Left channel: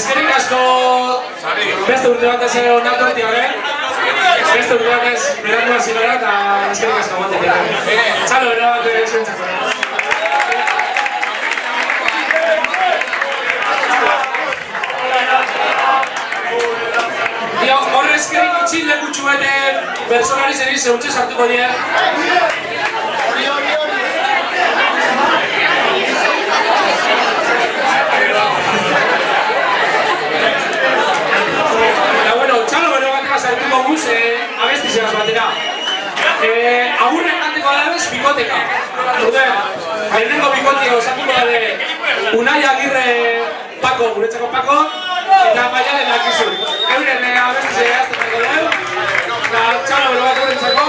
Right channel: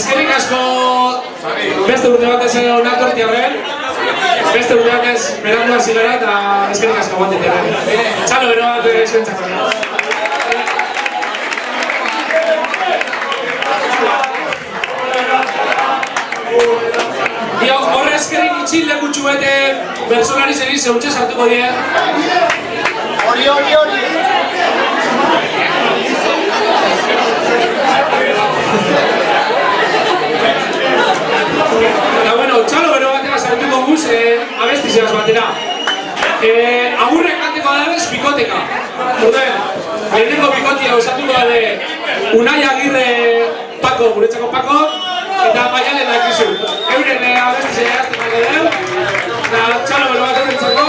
Eskerrik asko beste urte batez onartu artiarren. Beste urte batez berandu hasi gara eta eskerrik asko guantetiarren. Txalo, bero bat eskentzako. Dio, horre eskerrik itxin lekutxu bete bersolari zeri zeutxe sartuko die. Hori. Eta bueno, txalo bero batera sartuko guz, abesti zegaz batera. Agurrek janteko adabez, bikoteka. Orden, lehenengo bikotia osatuko dabe Unai Agirre Pako, guretzako Pako, eta Maialen dakizu. Euren abesti zegaz tenako deu. Eta txalo bero bat eurentzako.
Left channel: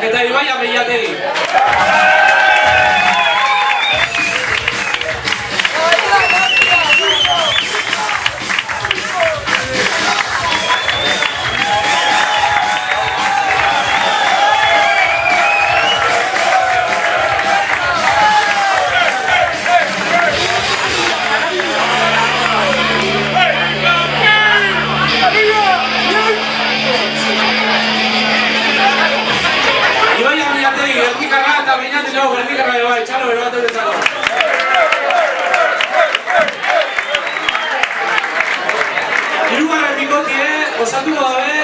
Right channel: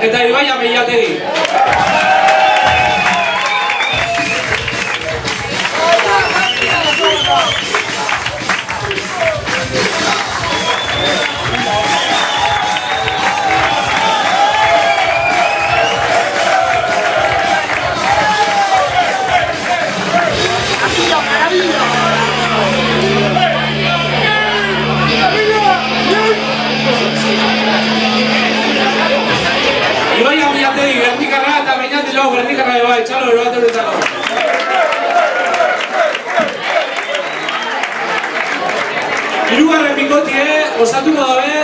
Eta Ibaia Meiategi. Gernikarra eta Beñati lau Gernikarra bai, txalo bero bat eurentzako. Hirugarren bikotie osatuko dabe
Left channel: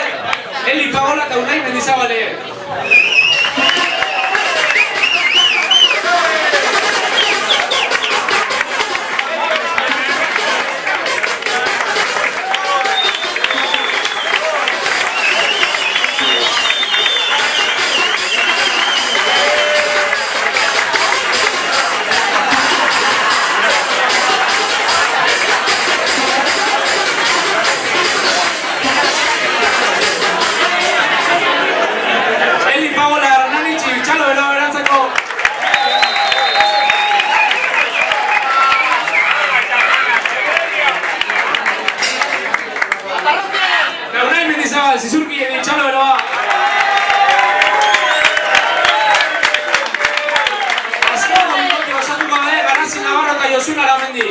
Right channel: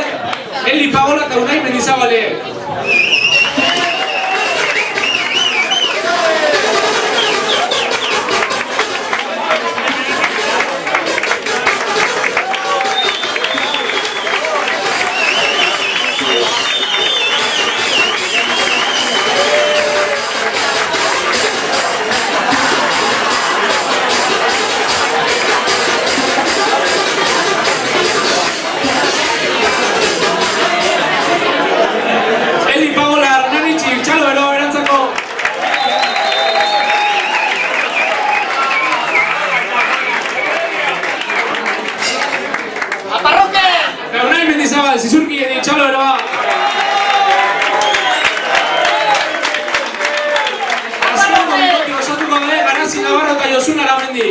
Eli Pagola eta Unai Mendizabale. Zizurki edin, txalo beroa! Azkeneko bikote osatuko da, Garazi Navarro eta Josun Aramendi.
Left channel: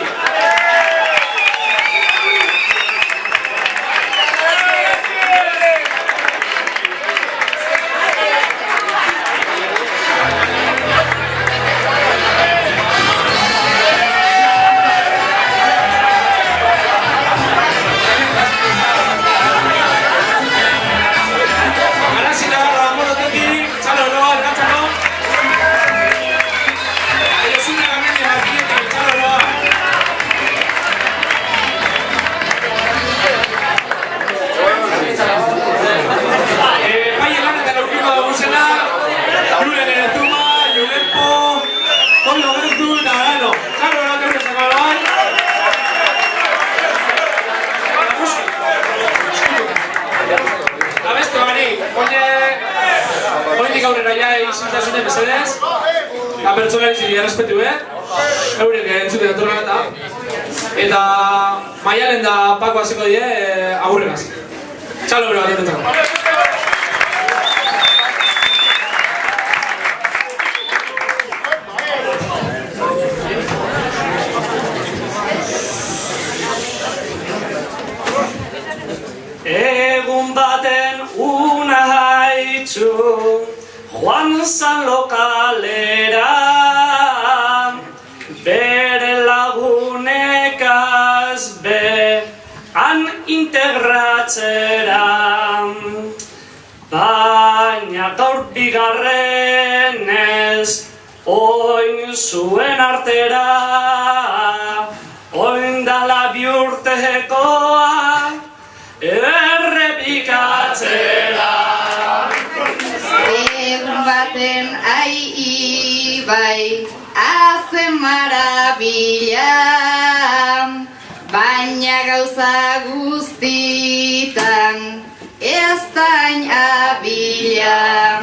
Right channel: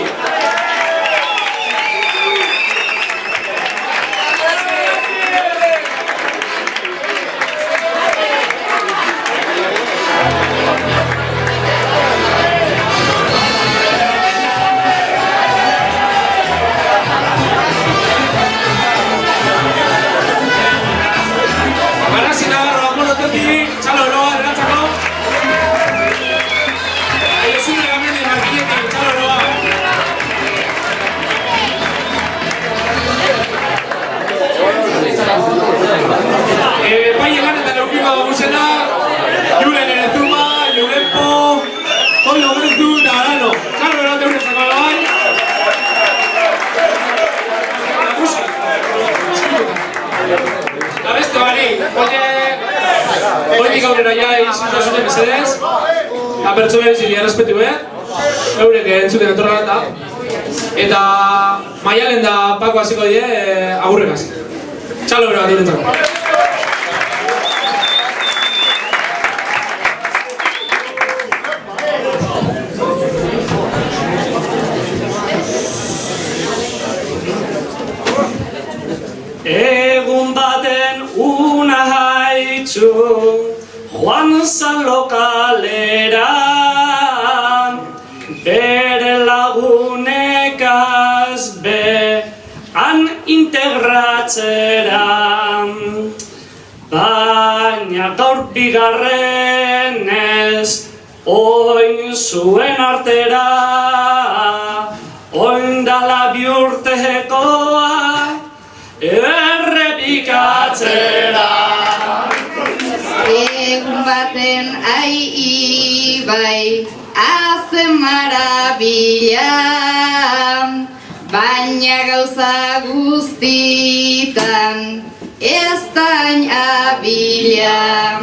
Oindik aurrera ja izintasune mesedez apertsolari ziria respetu eurek entzuten etorra eta Maialen da Pako hasiko die agurregaz. Txalo bero bat eurentzako. Egun baten una haitxu Juan San lokalera baina gaur bigarrenez, oin zuen artera, oindala bi urtekoa, errepikatzera. Egun baten ibai, hazen marabila, baina gauza guztitan ez dain abila.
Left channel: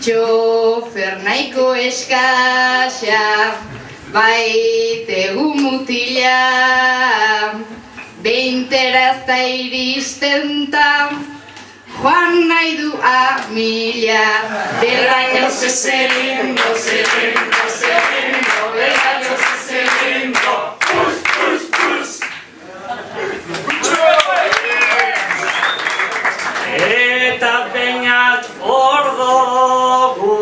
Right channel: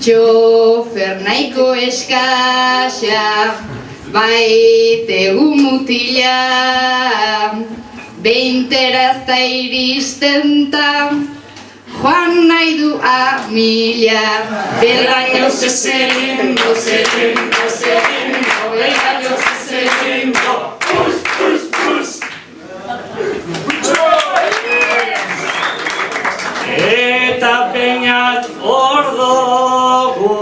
Txofer nahiko eskasa, baitegu mutila, 20 ez da iristen ta, joan nahi du amila. Belaños ese lindo, belaños ese lindo, pus, pus, pus. Eta peinat ordogu,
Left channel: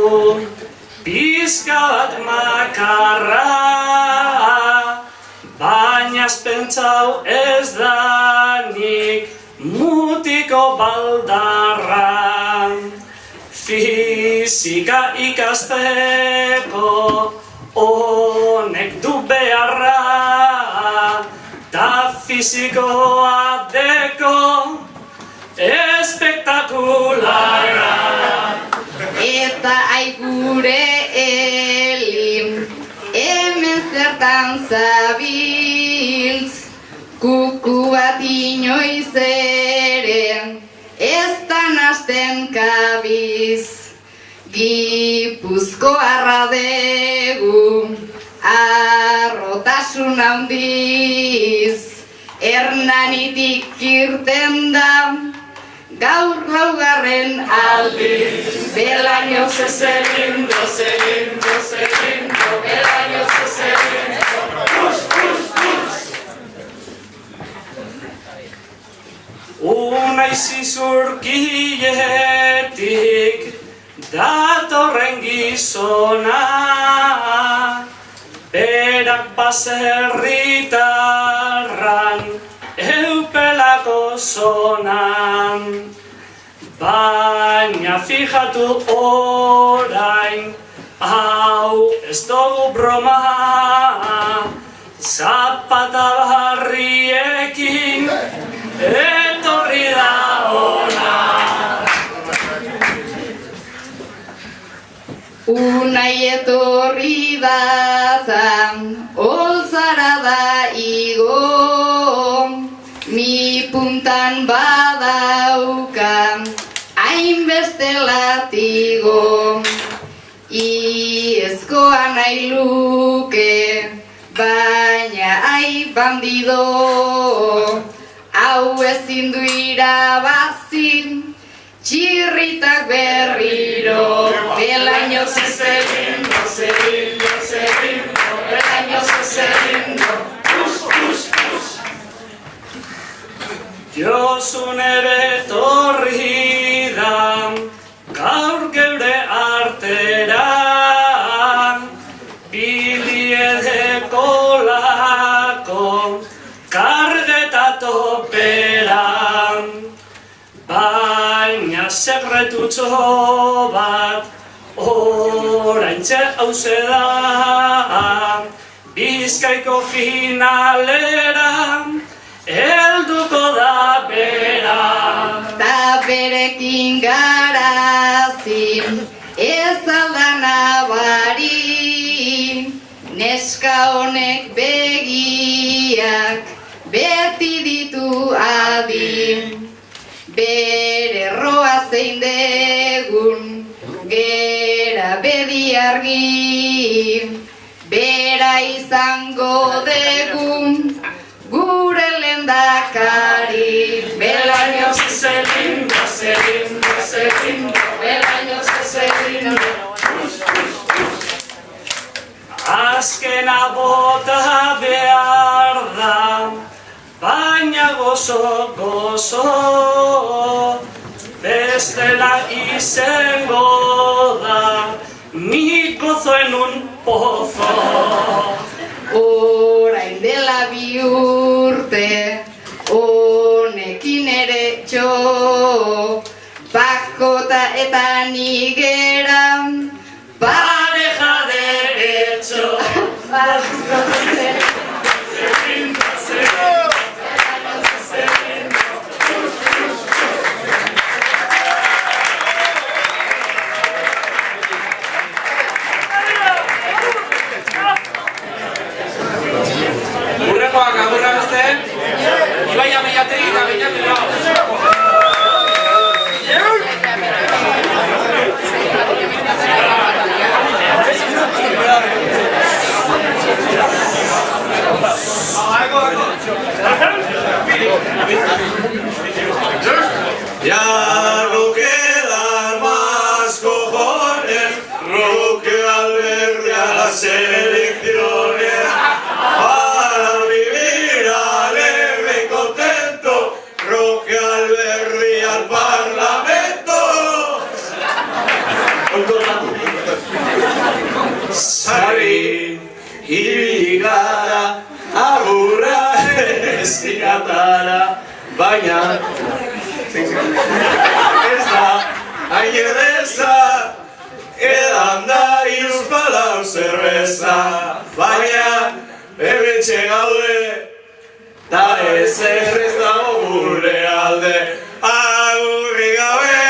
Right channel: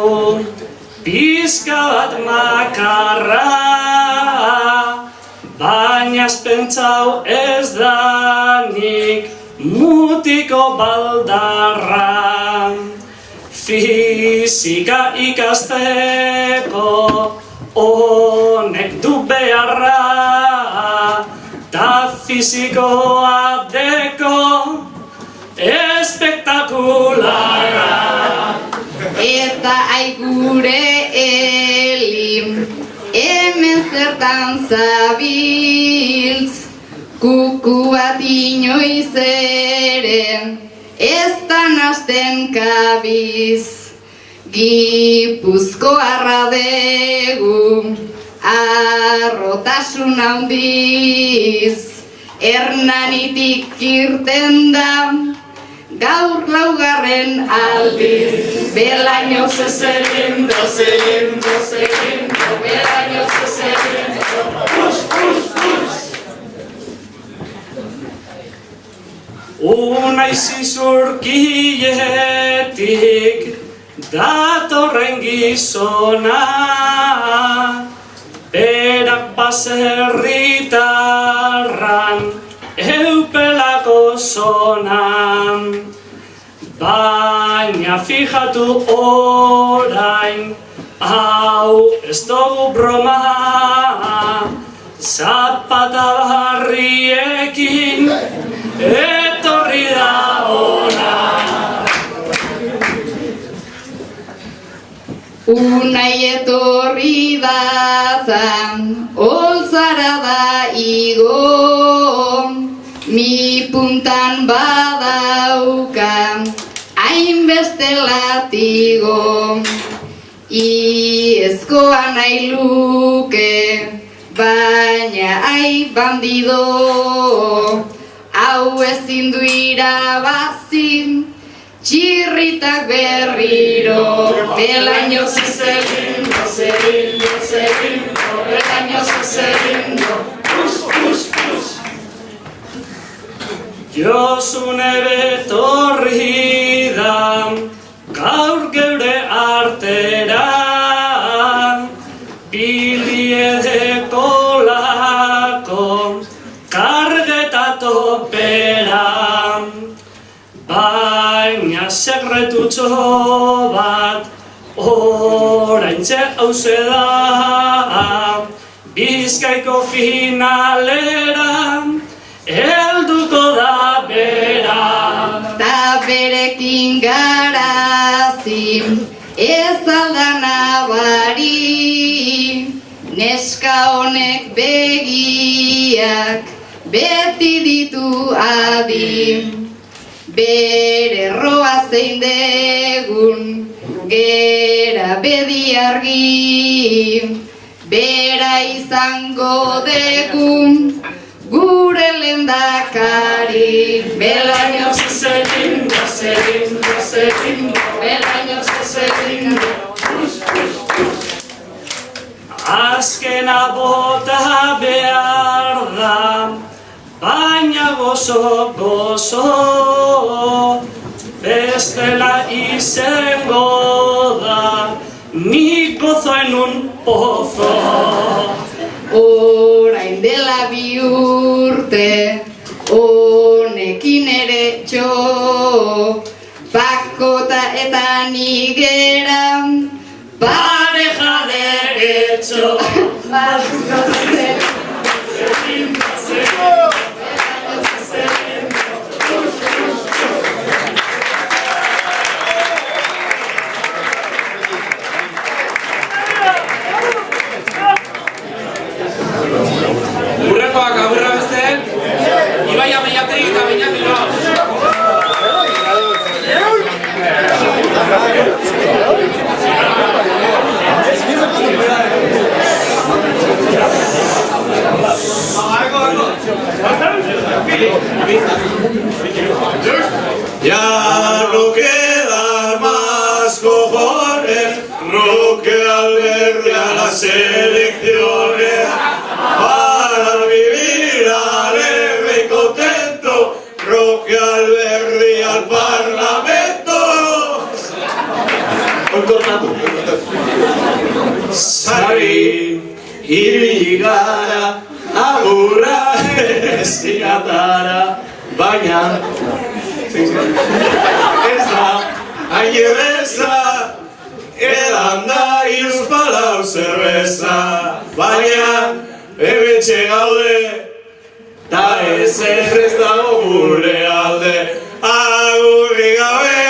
pizka bat makarra, baina pentsau ez danik mutiko baldarra. Fizika ikasteko honek du beharra, ta fizikoa deko espektakularra. Eta aigure elim, hemen zertan zabiltz, kuku bat inoiz ere, ez da nasten kabiz. Gipuzkoarra degu, arrotasun handiz, Hernanitik irten da, gaur laugarren aldiz. Belaños ese lindo, belaños ese lindo, pus, pus, pus. Unai zizurkietik datorren gizona, berak baserritarran eupelako zonan. Baina fijatu orain, hau ez dugu broma, zapata barriekin etorri da ona. Unai etorri datan, oltzara da igo, mi puntan badauka, hainbeste latigo. Iezkoa nahi luke, baina ai bandido, hau ezin du irabazin, txirritak berriro. Belaños ese lindo, belaños ese lindo, pus, pus, pus. Josune betorri da, gaur geure artera, biliedeko lako, kargeta topera. Baina sekretutxo bat, oraintxe hauze da, Bizkaiko finalera, helduko da bera. Ta berekin garazin, ez aldan abari, neska honek begiak, beti ditu adi. Bere erroa zein degun, gera bedi argi, bera izango degun, gure lehendakari. Belaños ese lindo, belaños ese lindo, pus, pus, pus. Azkena bota behar da, baina gozo, gozo, bestela izango da, nik gozoen un pozo. Orain dela 2 urte, honekin ere txo, Dakota eta nigera Pareja derecho Urrengoak agurra beste, Ibai Ameiategi eta Beñat Bilbao. Ya no quedan más cojones, Roque Valverde a las elecciones. Para vivir alegre y contento, Roque Valverde al Parlamento. Sari ibili gara, agurra ez digatara, baina ez da hain erreza, edan da hiruzpalau zerbeza, baina hementxe gaude, ta ez dago gure alde, agurri gabe,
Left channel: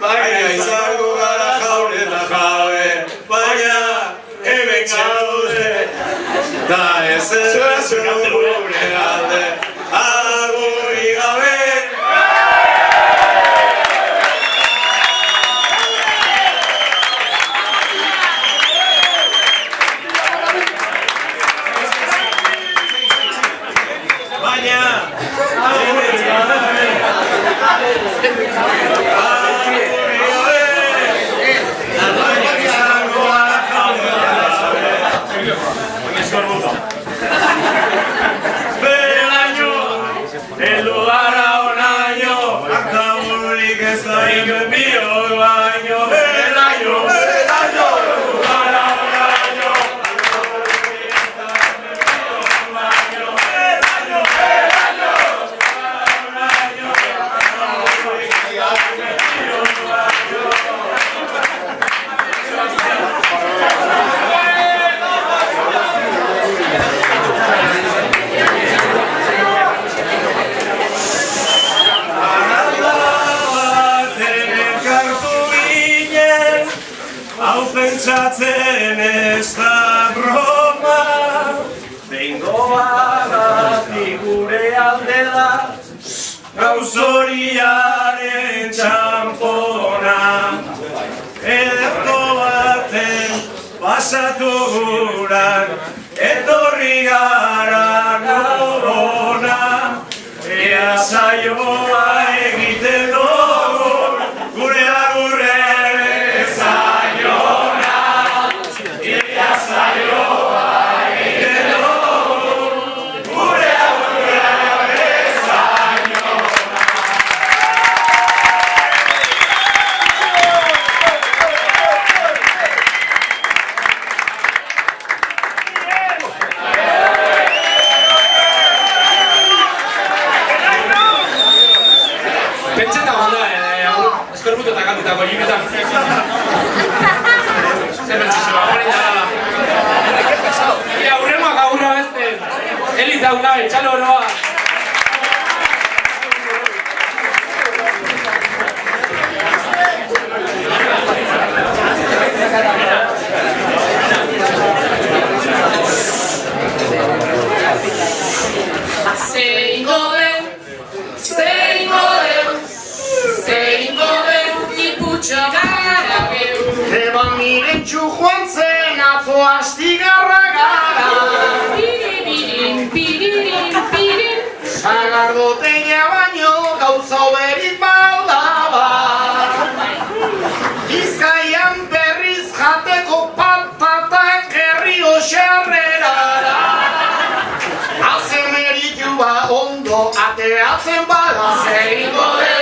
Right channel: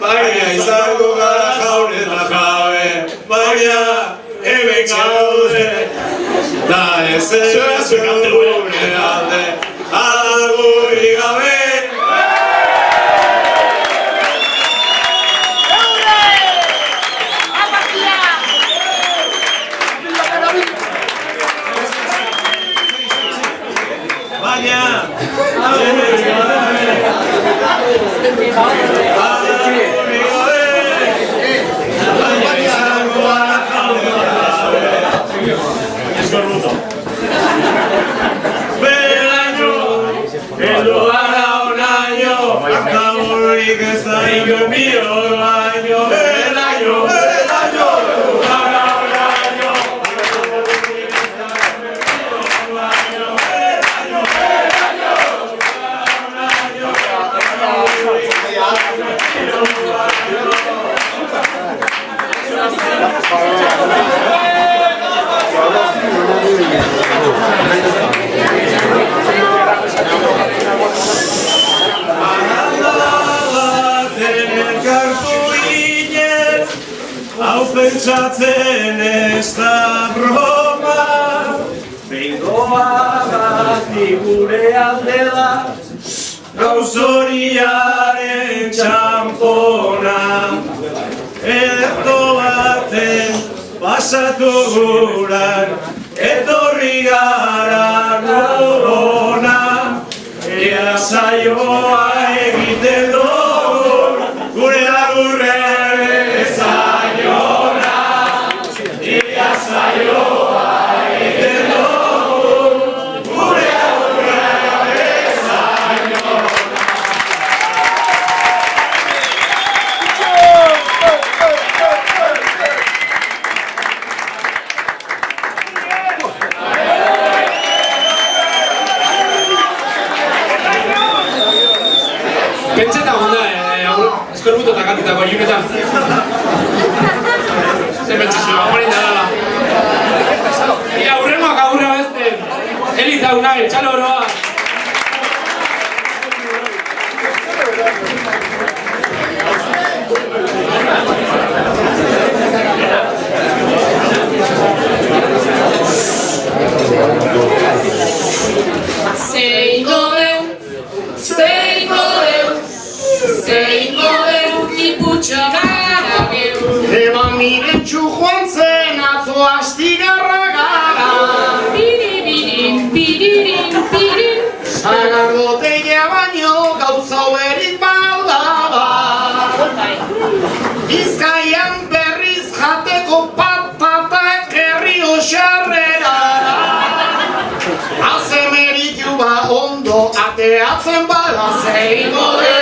baina izango gara jaun eta jabe, baina hementxe gaude, ta ez dago gure alde, agurri gabe. Pentsatzen ez da broma, behingoa gati gure alde da, gauzoriaren txampona. Ederto baten pasatu guran, etorri gara norona, ea saioa egiten dugu, gure agurre. Pentseta gonda, eskorbuto eta katitako hiliketan. Zer pentsazioa, hori darala. Ia, urrengoak agurra beste. Elita unai, txalo oroa. Eban mirentxu joan zen atzo astigarra gara. Piririn, piririn, pirin. Sagardotegia baino gauza hoberik baldaba. Bizkaian berriz jateko patatak herrio xerrerara. Azemeritu ba ondo ateatzen bada zeingo deu.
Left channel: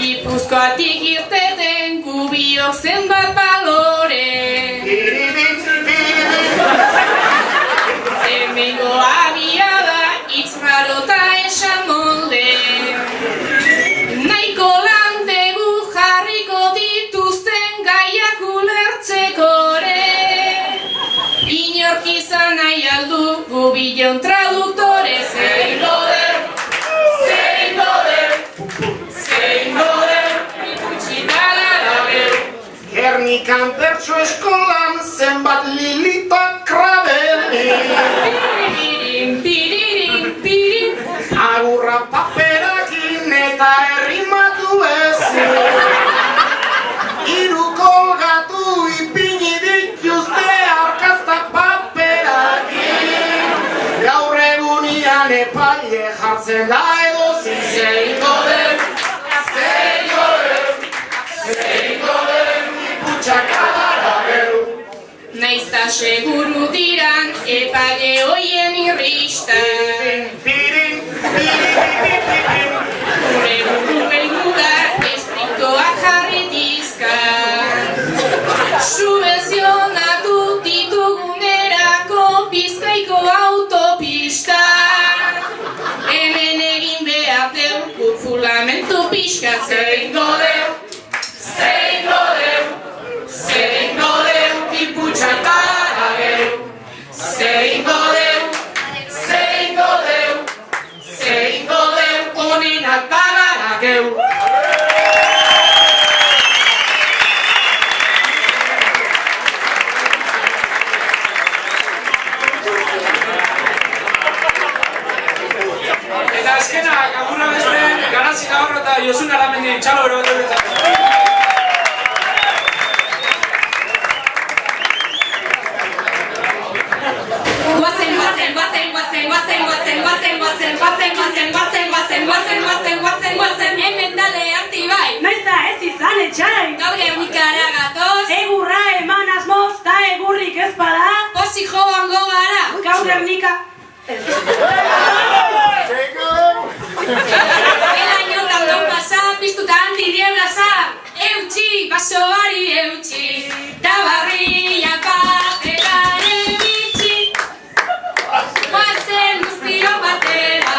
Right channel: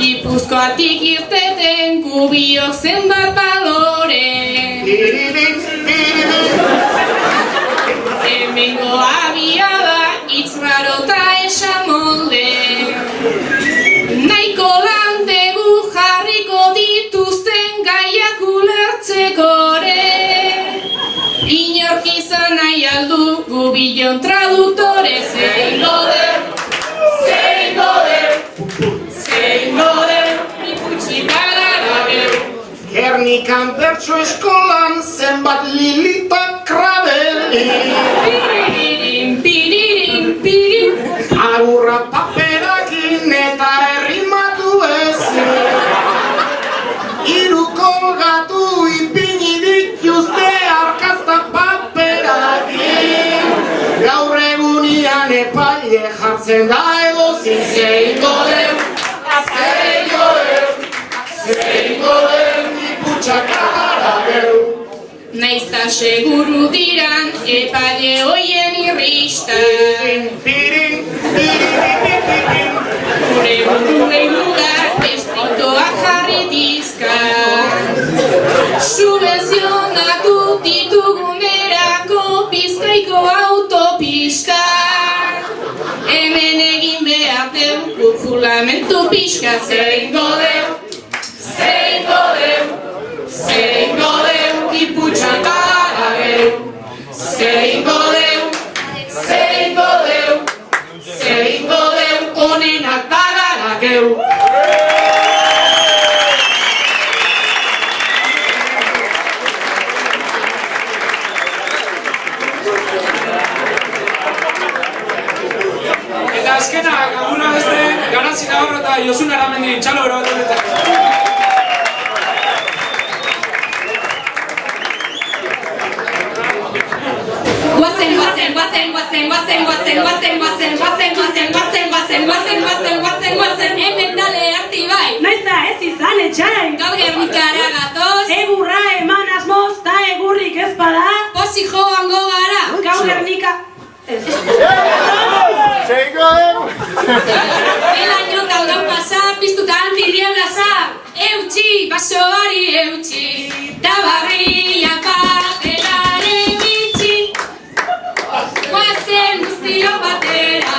Gipuzkoatik irteten kubiok zenbat balore. Hemengo billón traductores, zeingo den, ikutsitara geu. Gernikan bertso eskolan zenbat Lilita Krabeli. Piririn. Agurra paperakin eta errimatu ezin. Hiru kolgatu ipini dituzte arkazta paperakin. Gaur egunian epaile jartzen da edozin. Zeingo den, iputxakara geu. Naizta seguru diran epaile hoien irristan. Gure buruei mugar estriktoa jarri dizkan. Subvenzionatu ditugunerako Bizkaiko autopistan. Hemen egin behar dugu fulamentu pixka. Zeingo deu, iputxakara geu. Zeingo deu, onenak bagara geu. Eta azkenak, agurra beste, Garazi Navarro eta Josun Aramendi txalo bero bat horretzako. Guazen, hemen dale aktibai. Noiz da ez izan etxai. Gaur Gernikara gatoz. Egurra eman asmoz ta egurrik ez bada. Pozik joango gara. Gaur Gernika... Elainotan gau pasa, piztutan bidiebraza. Eutxi, basoari eutxi. Tabarria pateraren bitxi. Guazen guztio batera.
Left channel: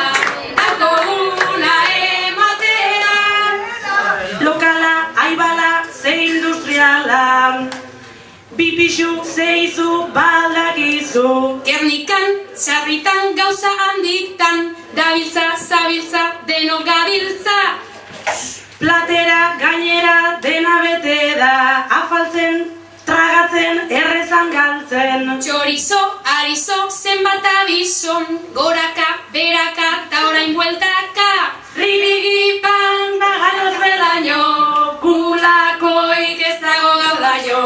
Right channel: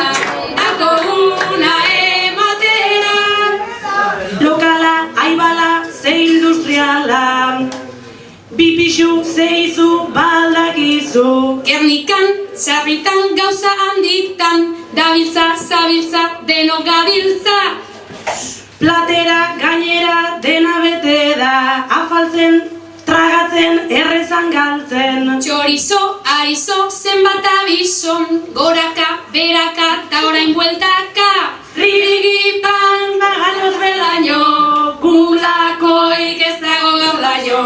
Dako una emotera. Lokala, aibala, ze industriala. Bipixu, ze izu, baldakizu. Gernikan, sarritan, gauza handitan. Dabiltza, zabiltza, deno gabiltza. Platera, gainera, dena bete da. Afaltzen, tragatzen, errezan galtzen. Txorizo, arizo, zenbat abizo. Goraka, beraka, ta orain bueltaka. Rigipan, baganoz belaino. Kulakoik ez dago gaudaino.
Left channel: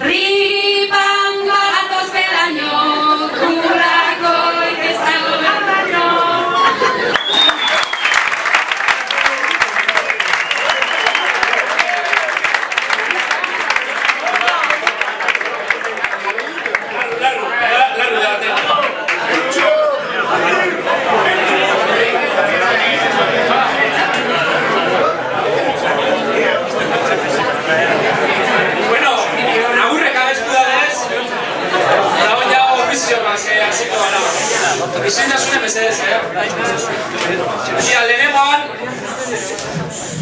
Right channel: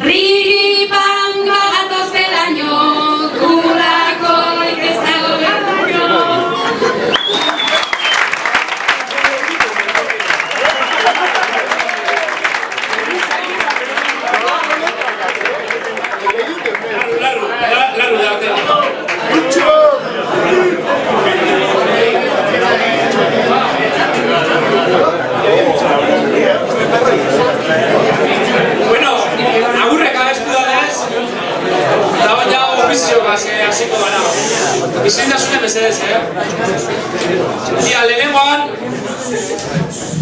Rigipan, bagatoz belaino. Kulakoik ez dago gaudaino. Larru da, Bueno, agurrek abestu danez, dago ja ofizioak hasiko gara. Izentasune mesedez, Ia, lehenengoan,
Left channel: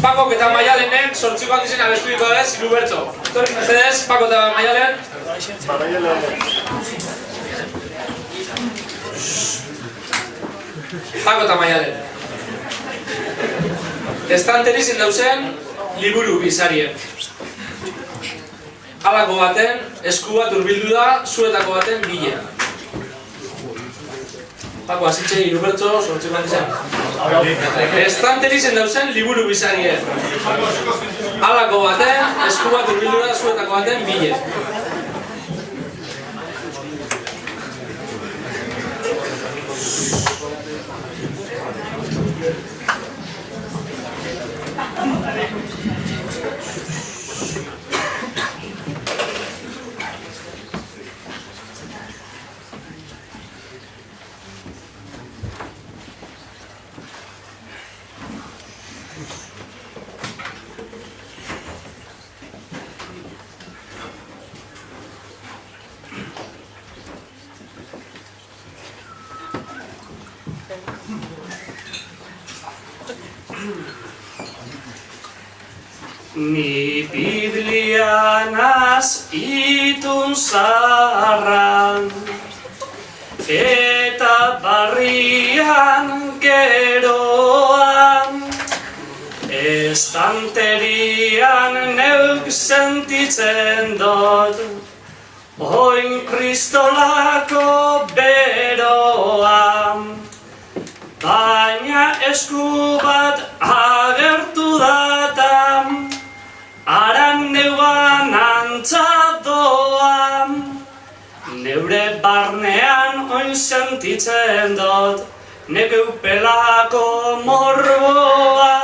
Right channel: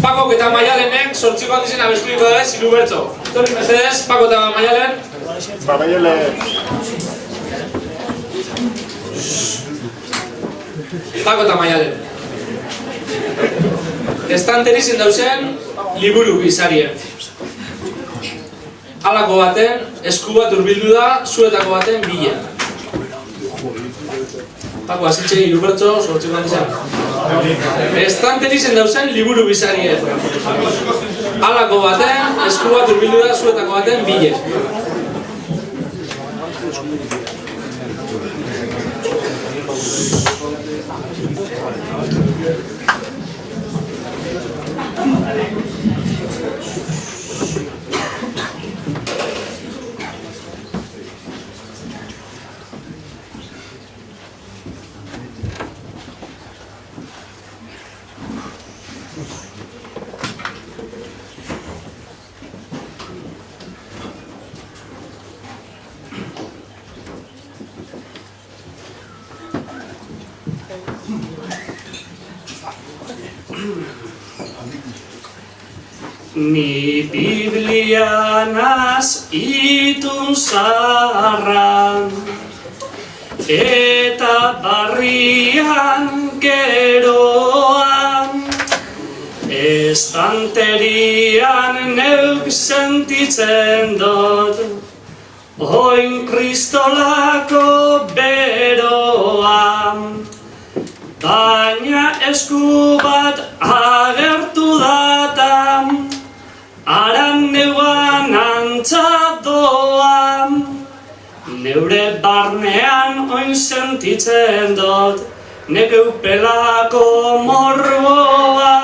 Pakok eta Maialenek sortziko handizien abestuiko dez, hiru bertso. Torri mesedez, Pako eta Maialen. Pako eta Maialen. Estanterizin dauzen, liburu bizarie. Halako baten, esku bat urbildu da, zuetako baten bile. Pako, azitxe hiru bertso, sortziko handizien. Estanterizin dauzen, liburu bizarie. Halako baten, esku bat urbildu da, zuetako baten bile. Ni Biblianaz itun zaharran eta barrian geroan, estanterian neuk sentitzen dut, oin kristolako beroan, baina esku bat agertu datam, aran neuan antzadoan, neure barnean oin sentitzen dut, nekeu pelako morboa.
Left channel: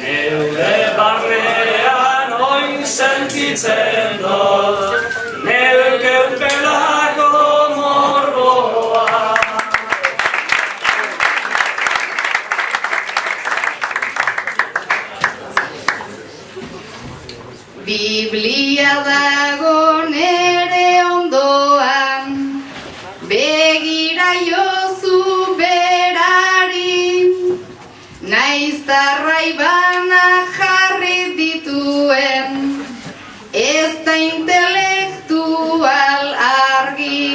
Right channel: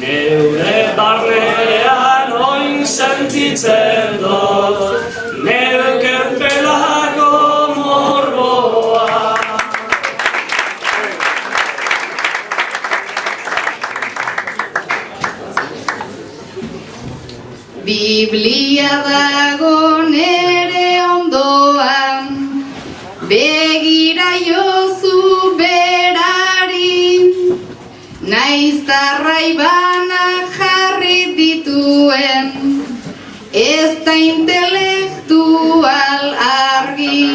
Neure barnean oin sentitzen dut, nekeu pelako morboa. Biblia dago nere ondoan, begira jozu berari, naiztarrai bana jarri dituen, ez da intelektual argi,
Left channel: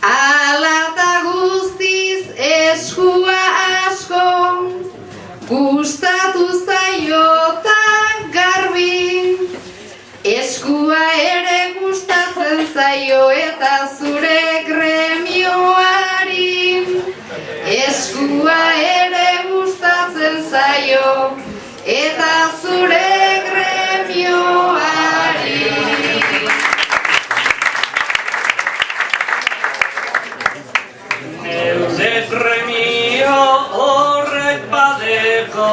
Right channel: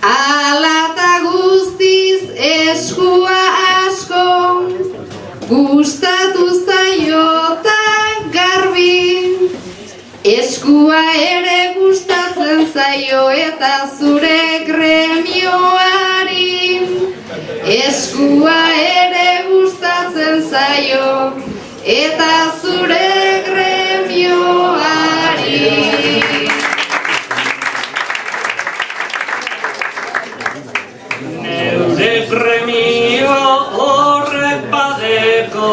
alata guztiz eskua asko, gustatu zaiota garbi, eskua ere gustatzen zaio eta zure gremioari, eskua ere gustatzen zaio eta zure gremioari. Neure gremio horrek badeko,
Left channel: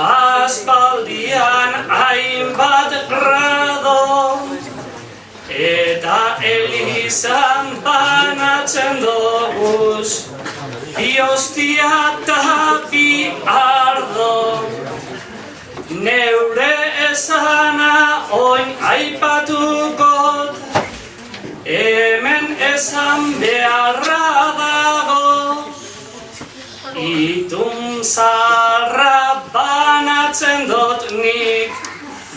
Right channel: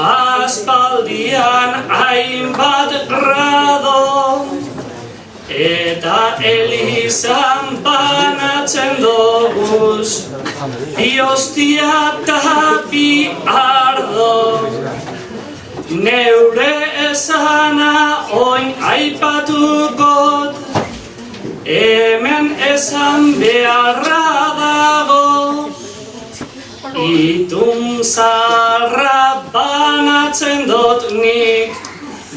aspaldian hainbat grado, eta elizan banatzen doguz, bi hostia eta bi ardo. Neure esana oin aipatugot, hemen esan beharra dago, itun zarra banatzen dut nik,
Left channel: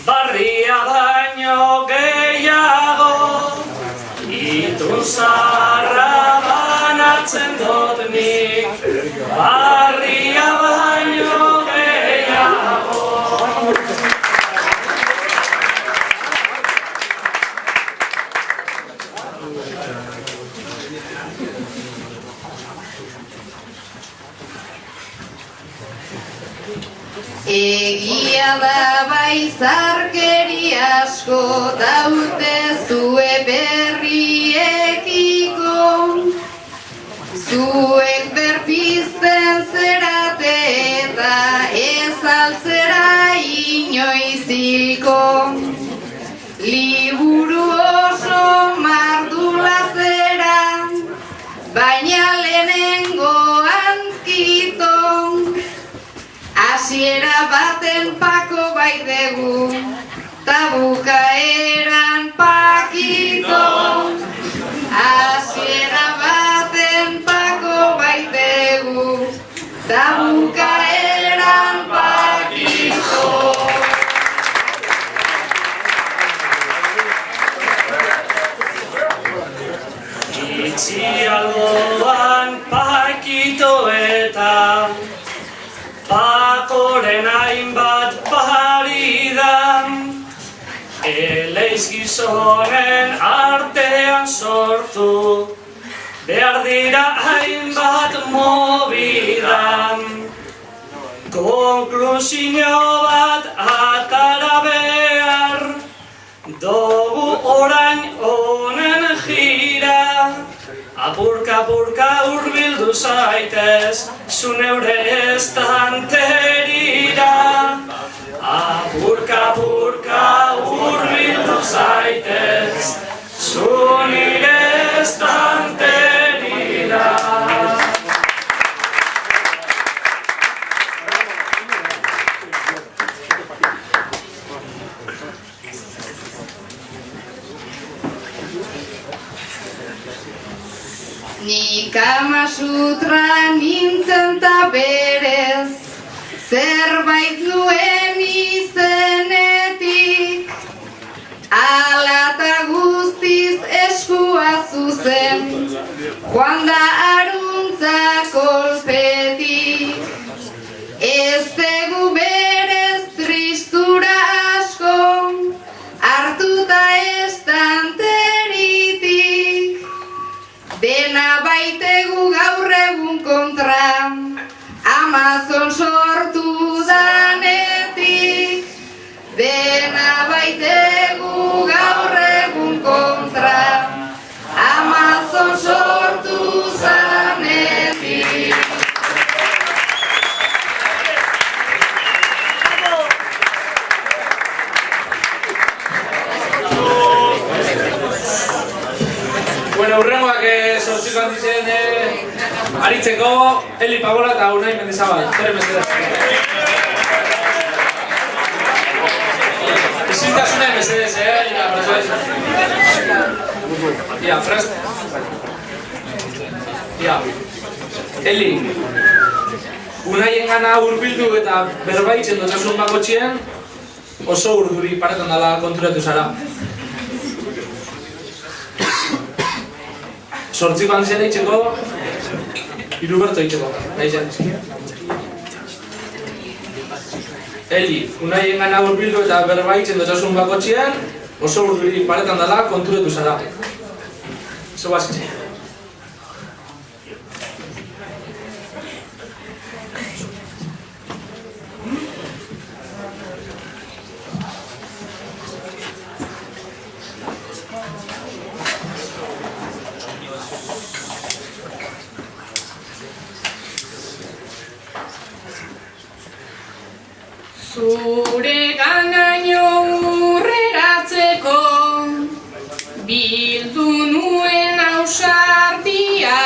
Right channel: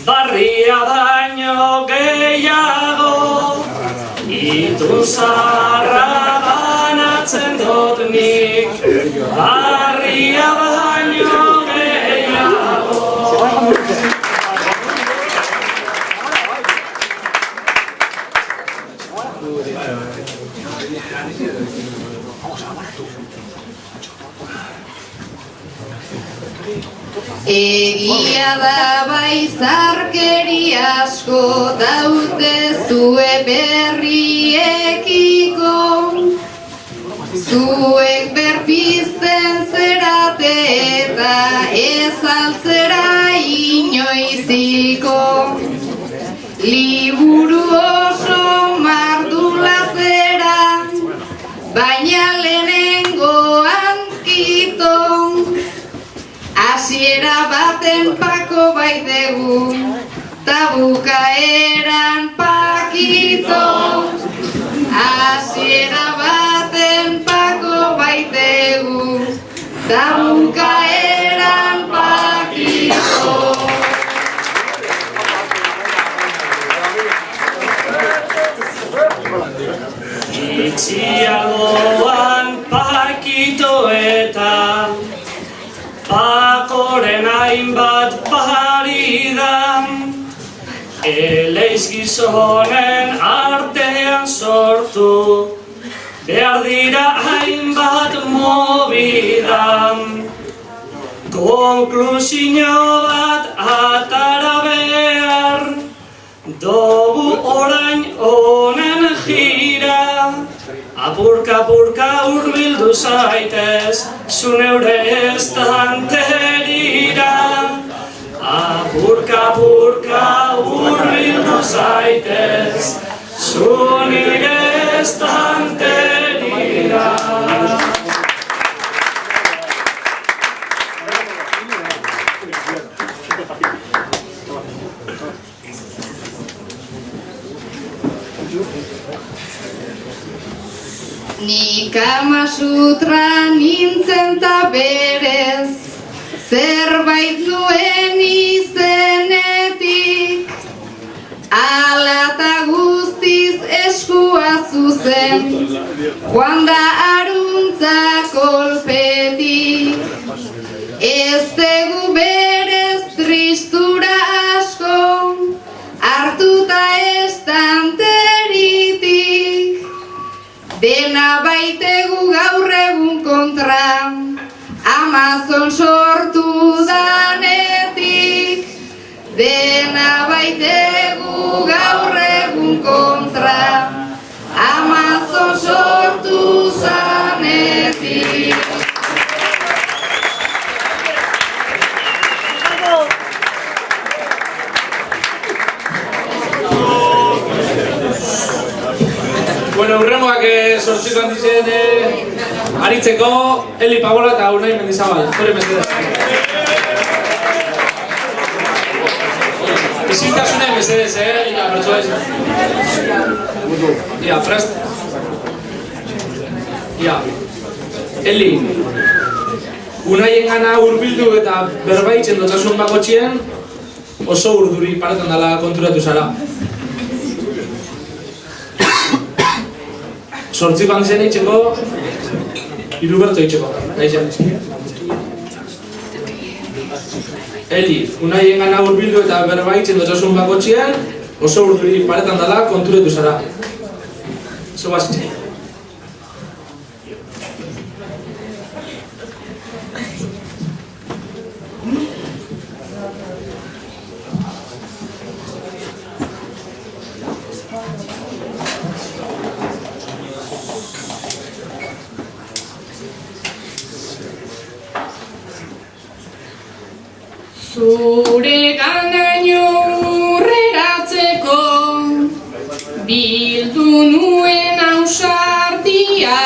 barria baino gehiago. Itun zarra banatzen dut nik, barria baino gehiago. Egia da bai zarkeri asko daute zue berriekiko, zuek berpizten zerate eta ez altzera inoiziko. Liburu oso mardula zera, baina lehenengoan kito, hasiera baten pako baidegu, ta bukaeran pakito. Hasiera baten pako baidegu, ta bukaeran pakito. Itxialgoan pakito eta pakoren hainbat paridan, eleiz gizonen artean sortu, behar dira hainbat mobidan. Konklusio bat atara behar, dugu orain honen jira, apurka-apurka hurbildu zaitez, zu neure estanterira. Apurka-apurka hurbildu zaitez, zu nire estanterira. Ni Kama Sutra nintzen ta berez, zerbait nuen izenetik, ala ta guztiz eskua zuzen, joan da aruntza kolpetik. Ez dugu berez tristura asko, hartuta estanteritik. Dena baitegu gaur egun kontra, Amazon sortu danetik. Dena baitegu gaur egun kontra, Amazon sortu zanetik. Bueno, urrengoak sortziko handizen aritzeko Eli Pagola eta Unai Mendizabal. Torri mesedez. Isiltasune mesedez, Ia, pertsua izan. Ia, frest. Ia. Eli, Unaien gana hurbildu eta berbaitzen dotzasun bakotxien oso urduri paretan dela konturatu zara. Sortziko handizen eitzeko, Hiruberto eitzeko, nahi zen. Eli, Unaien gana hurbildu eta berbaitzen dotzasun bakotxien oso urduri paretan dela konturatu zara. Zego azitxe. Zure ganaino urreratzeko bildu nuen ausardia,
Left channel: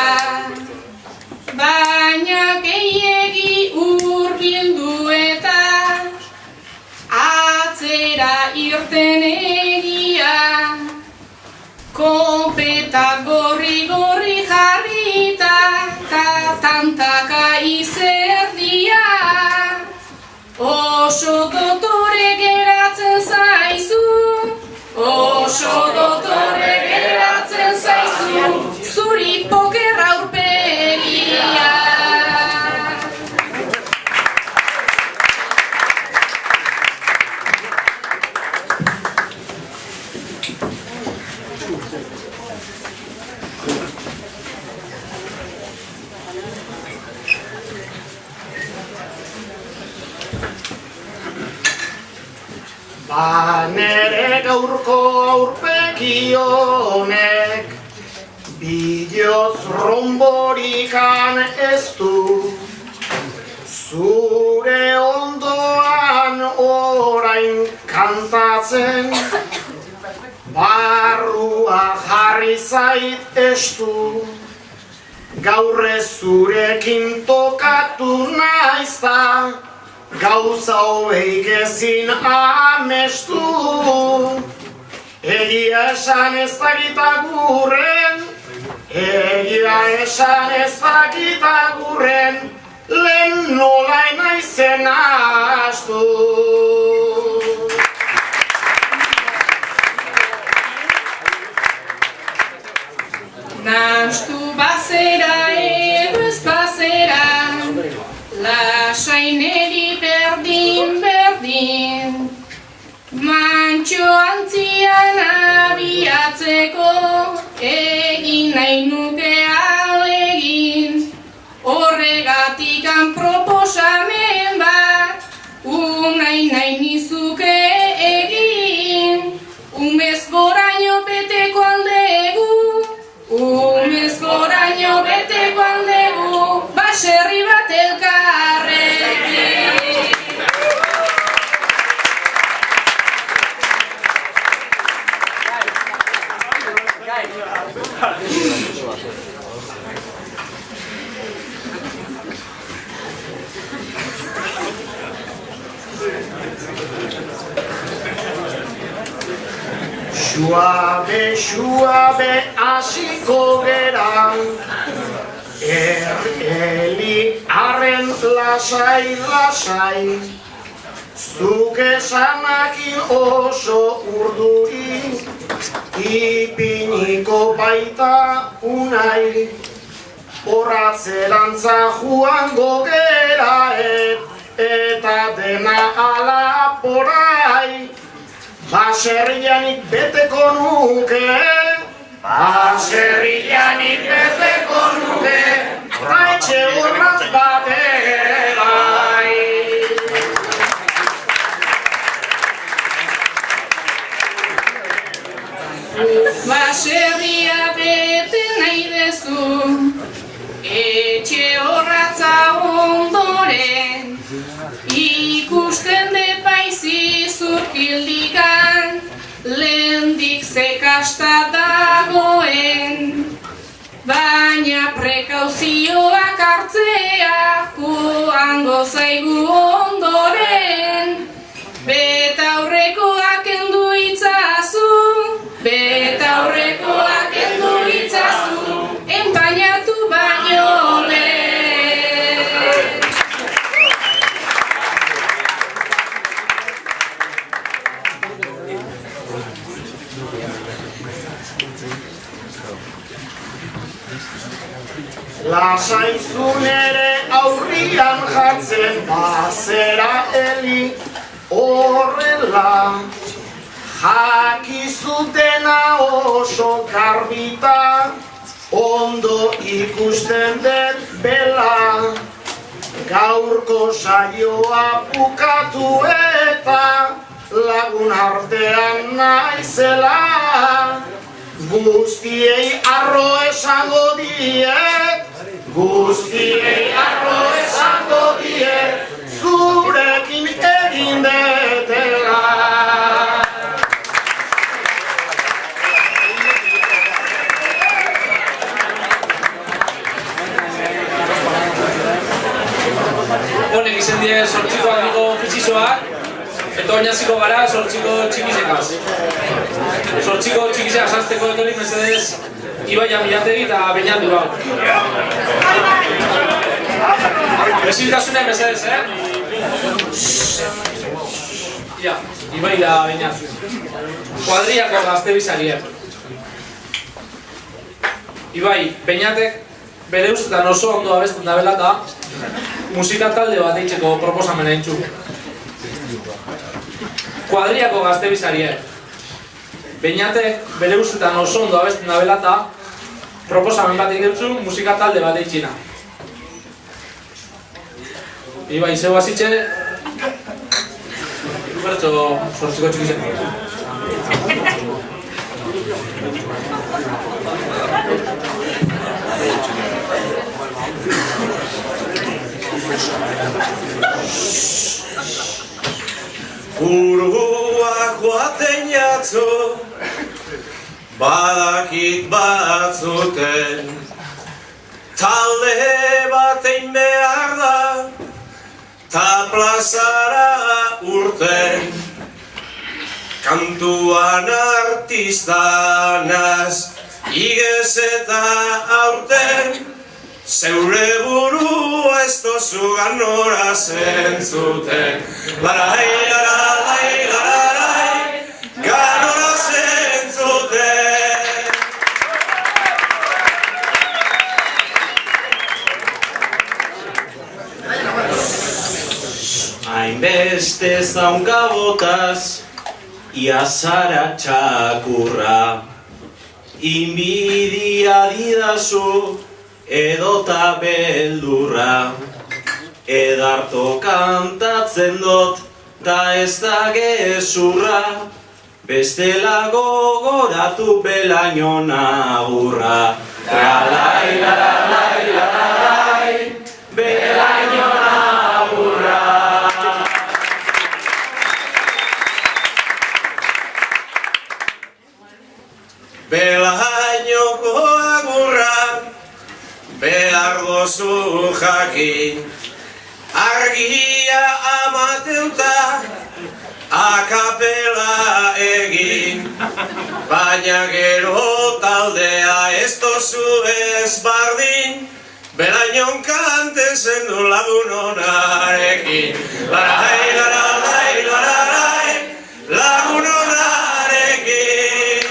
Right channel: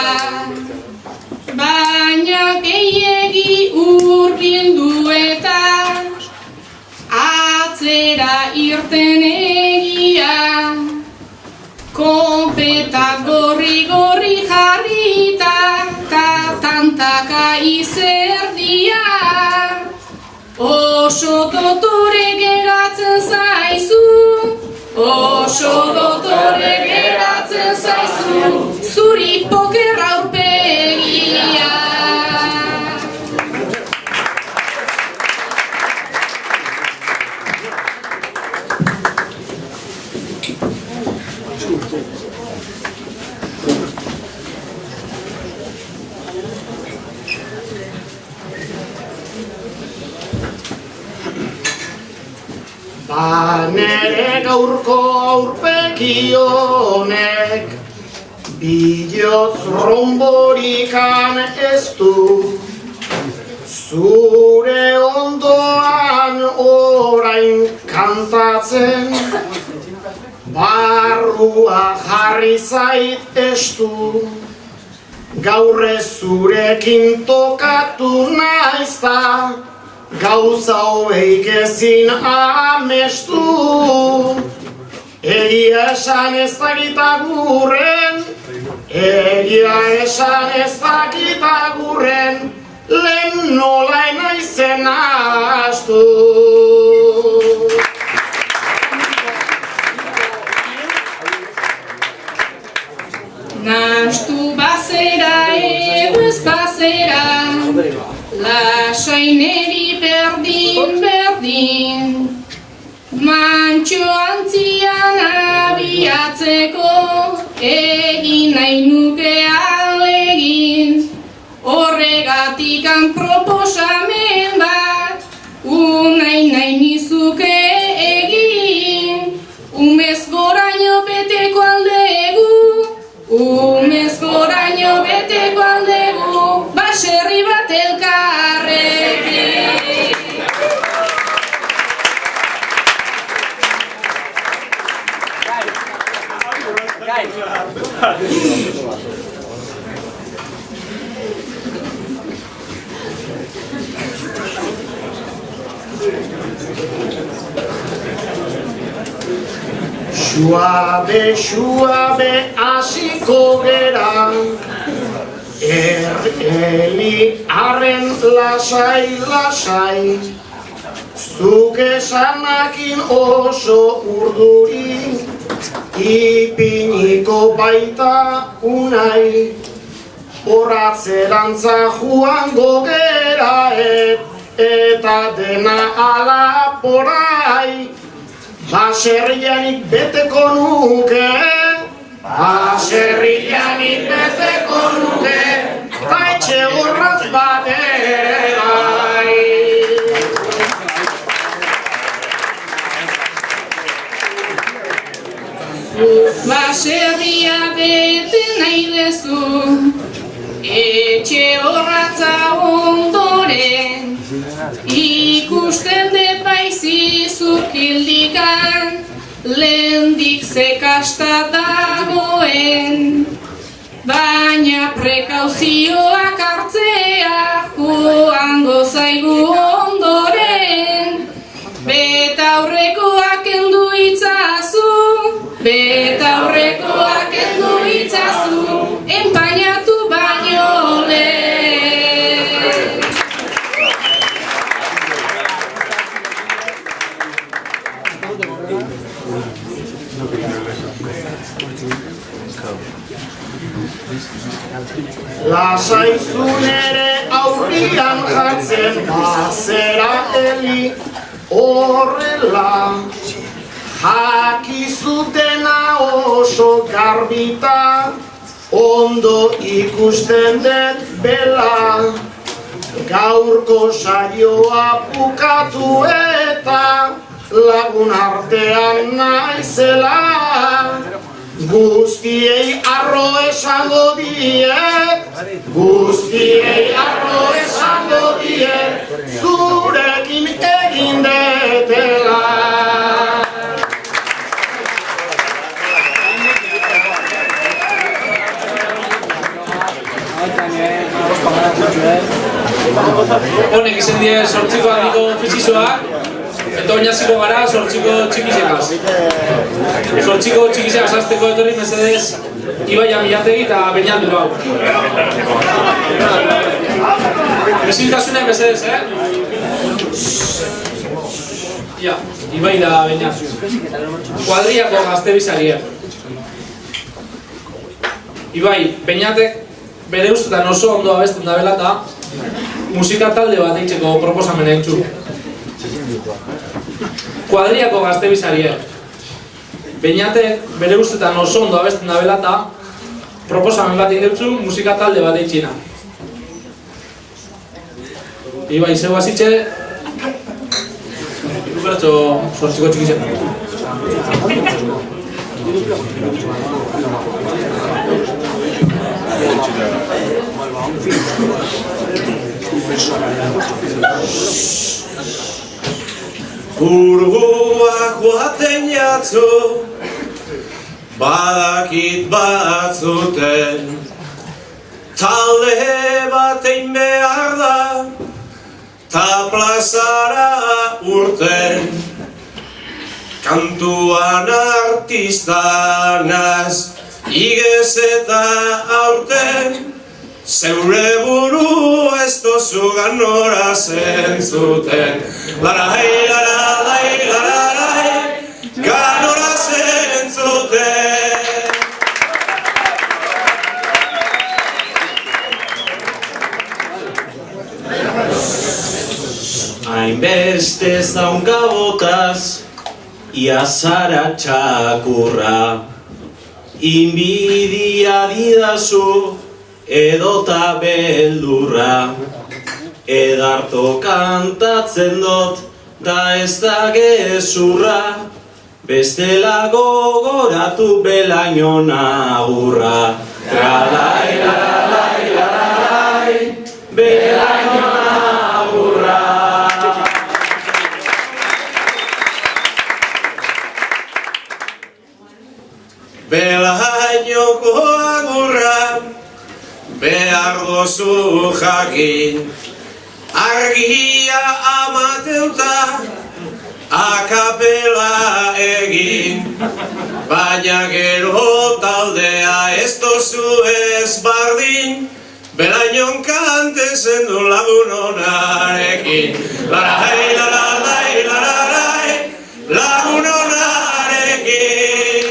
baina gehiegi urbildu eta atzera irten egia. Konpeta gorri jarrita ta tantaka izerdia. Oso dotore geratzen zaizu, oso dotore geratzen zaizu, zuri poker aurpegia. Nere gaurko aurpegi honek bihotz romborikan ez du. Zure ondoan orain kantatzen, barrua jarri zait estu. Gaur ez zurekin tokatu naizta, gauza hobeik ezin amestu. Egia esan ez dakit agurren, egia esan ez dakit agurren, lehen nola naizen astu. Nahastu bazera edo ez bazera, lasaineri berdin, mantxo antzian abiatzeko egin nahi nuke alegin. Horregatikan proposamen bat, nahi nizuke egin. Umez goraino beteko aldegu, umez goraino beteko aldegu, baserri bat elkarrekin. Suabe hasiko gera, Eli arren lasai, zuk esanakin oso urduri, ipiniko baita unai, horatzerantza joango gera eta dena ala porai. Baserrianik beteko nuke, baserrianik beteko nuke, ta etxe horraz bat ere bai. Baserria bete nahi dezu, etxe horratza ondoren, ikusten de paizizuk hildikan, lehendik zekasta dagoen. Baina prekauzioak hartzea joango zaigu ondoren. Betaurrekoak kendu itzazu, betaurrekoak kendu itzazu, enpainatu baino lehen. Lasaizun ere aurrian jartzen bazera heli horrela. Jakizutena oso garbita, ondo ikusten dut bela. Gaurko saioa bukatu eta lagun artean naizela. Guztiei arro esango diet, guztiei arro esango diet, zurekin egin detela. Honek izen die sortziko handiko fizizoak, eta oinaziko gara sortziko txikizekaz. Sortziko txikizekaz azteko etorri mesedez Ibai Amilategi eta Beñat Durau. Besiltasune mesedez, Ja, Ibai da Beñat. Kuadriako gazte bizarie. Ibai, Beñatek bere ustetan oso ondo abesten dabela eta musika talde bat eitzeko proposamena entzu. Kuadriako gazte bizarie. Beñatek bere ustetan oso ondo abesten dabela eta proposamen bat egin musika talde bat eitzina. Ibai, zeu hasitxe, bertso sortziko txikizen. Burgoak joaten jatzu, badakit batzuten, talde batein behar da, ta plazara urten. Kantuan artistanaz, igez eta aurten, zeure buru ez dozu ganora zentzuten. Larai, larai, larai, ganora zentzuten. Hainbeste zaunkabotaz, ia zara txakurra, inbidia didazu edota beldurra, edarto kantatzen dut da ez da gezurra, bestela gogoratu belaino nagurra. Lalai, lalai, lalai, belaino nagurra. Belainoko agurra behar dozu jakin, argia amateuta akapela egin, baina gero taldea ez dozu ez bardin, belainon kanten zendu lagun onarekin. Larai, larai, larai, lagun onarekin.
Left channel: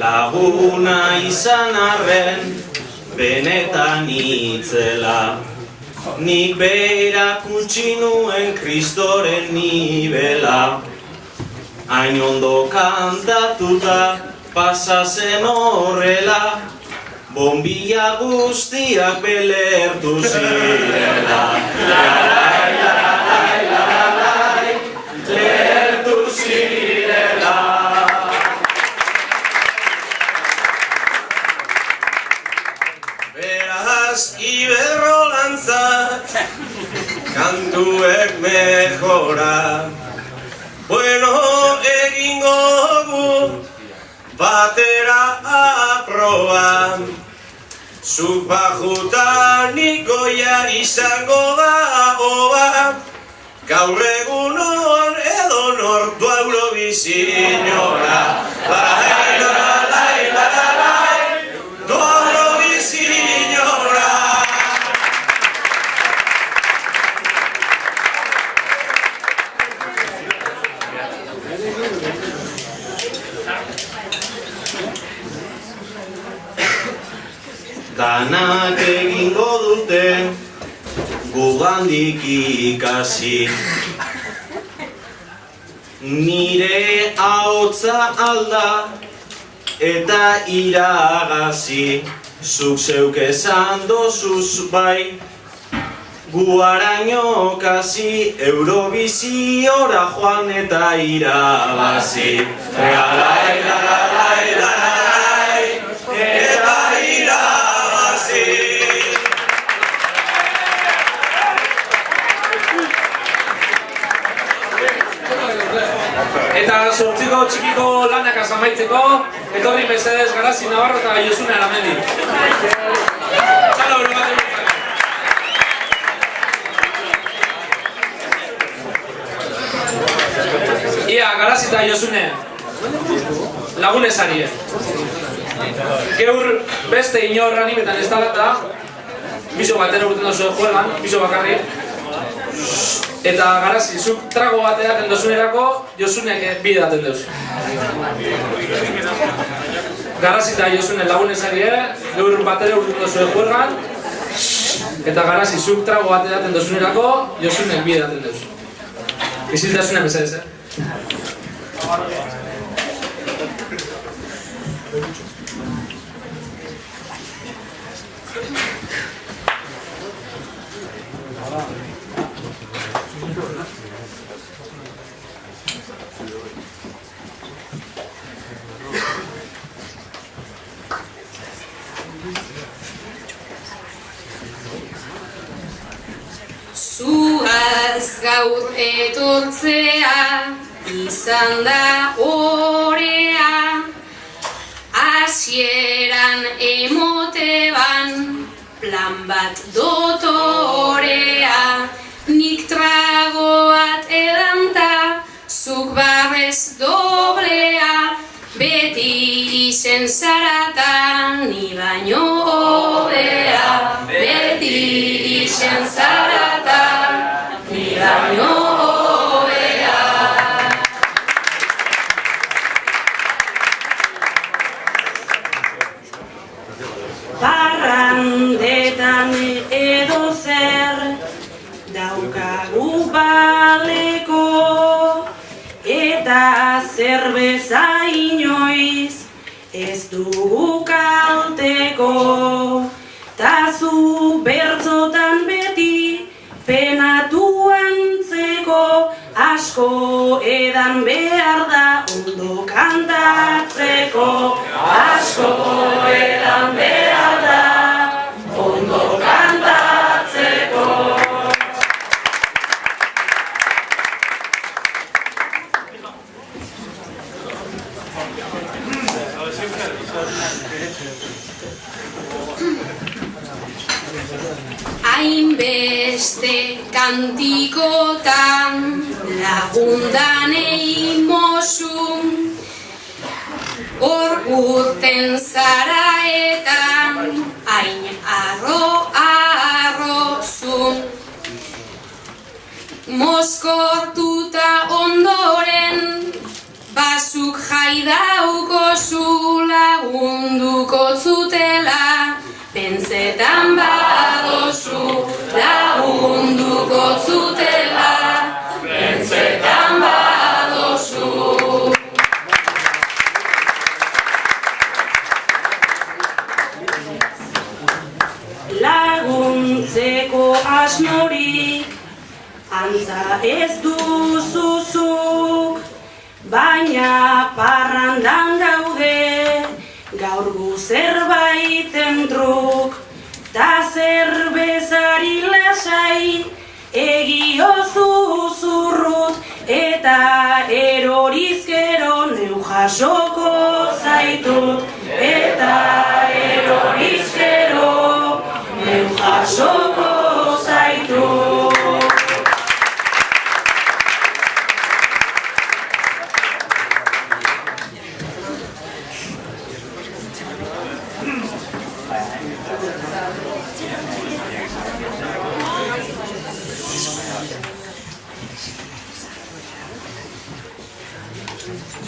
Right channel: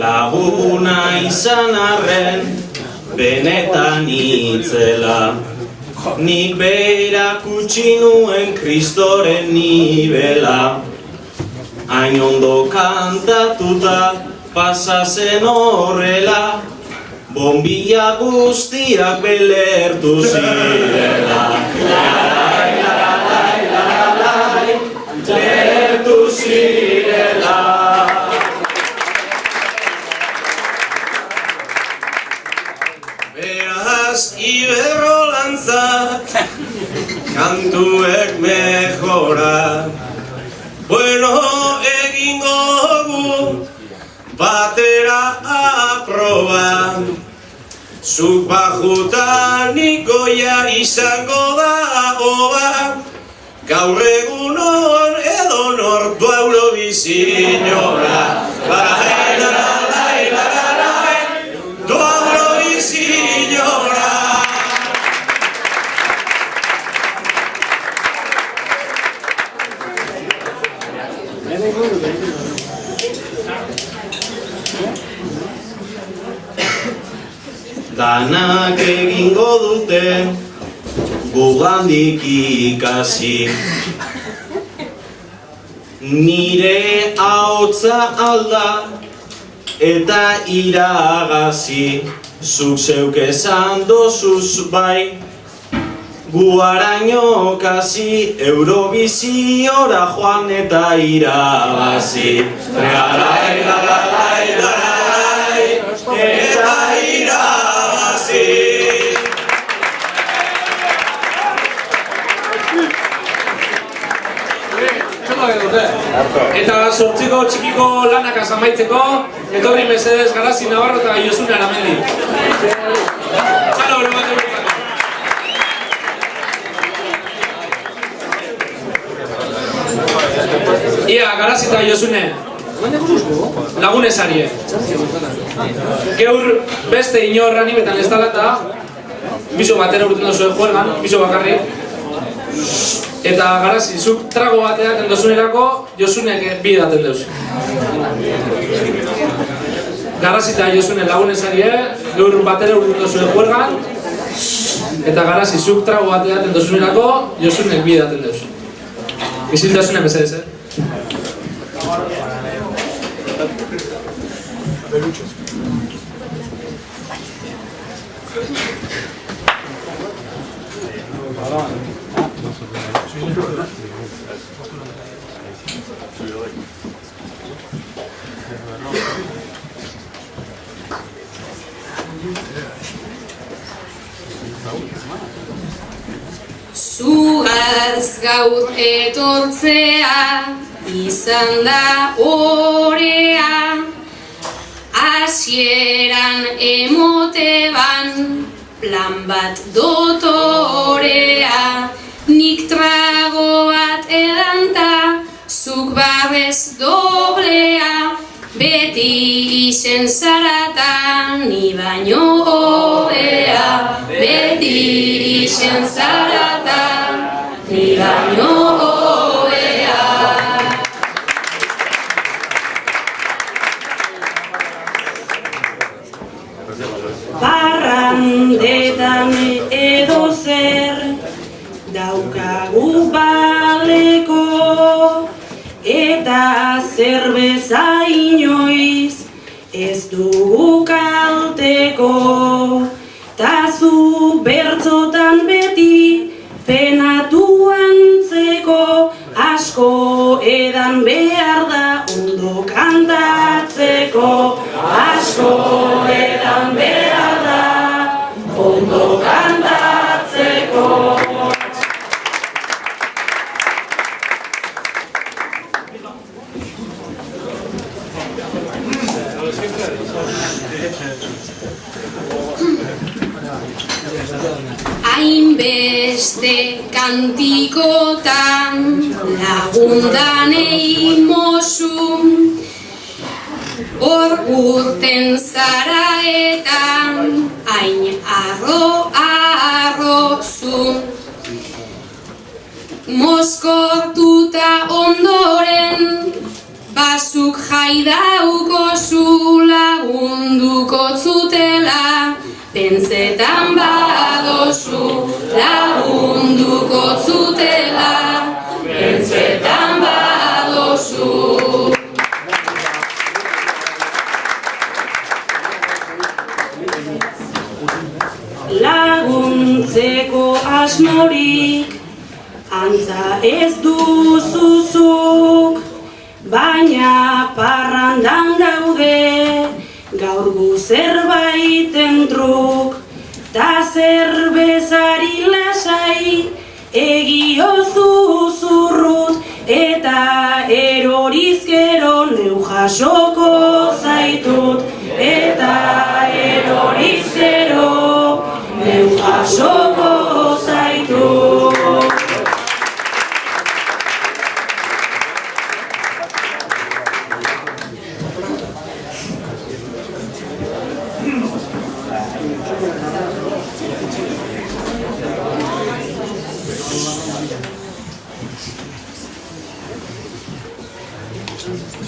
Laguna izan arren, benetan itzela. Nik berak utzi nuen kristoren nibela. Hain ondo kantatuta pasa zen horrela, bombilla guztiak belertu zirela. Larai, larai, larai, lertu zirela. Beraz, iberrolantzak, kantuek mejora. Bueno, egingo gu, batera aproba. Zuk bajuta nikoia izango da oba. Gaur egunon edo nortu Eurovisinora. Larai, larai, larai, du Eurovisinora. Danak egingo dute gugandik ikasi. Nire ahotsa alda eta iragazi. Zuk zeuk esan dozuz bai, guaraino kasi Eurovisiora joan eta irabazi. Larai, larai, larai, eta irabazi. Eta sortziko txikiko lanak amaitzeko, etorri mesedez Garazi Navarro eta Josune Aramendi. Txalo, bero bat egitzen. Ia, Garazi eta Josune, lagunez arie. Geur beste inor animetan ez talata, biso batera urten dozu juegan, biso bakarri. Eta Garazi, zuk trago bat edaten dozunerako, Josunek bi edaten deuz. Garazi eta Josune lagunez arie, geur batera urten dozu juegan. Eta Garazi, zuk trago bat edaten dozunerako, Josunek bi edaten deuz. Isiltasune mesedez, Zugaz gaur etortzea izan da orea, hasieran emoteban plan bat dotorea. Nik trago bat edanta, zuk barrez doblea, beti izen zarata, ni baino hobea. Beti izen zarata, ni baino hobea. Parrandetan edo zer daukagu baleko, eta zerbeza inoiz ez dugu kalteko. Ta zu bertzotan beti penatu antzeko, asko edan behar da ondo kantatzeko. Asko edan behar da ondo kantatzeko. Hainbeste kantikotan lagundanei mozu, hor urten zara eta hain arro-arrozu. Mozkortuta ondoren basu zuk jaidauko zu lagunduko zutela, pentsetan badozu lagunduko zutela, pentsetan badozu. Laguntzeko asmorik antza ez duzuzuk, baina parrandan gaude gaur gu zerbaiten truk, ta zerbezari lasai egiozu zurrut, eta erorizkero neu jasoko zaitut, eta erorizkero neu jasoko zaitut.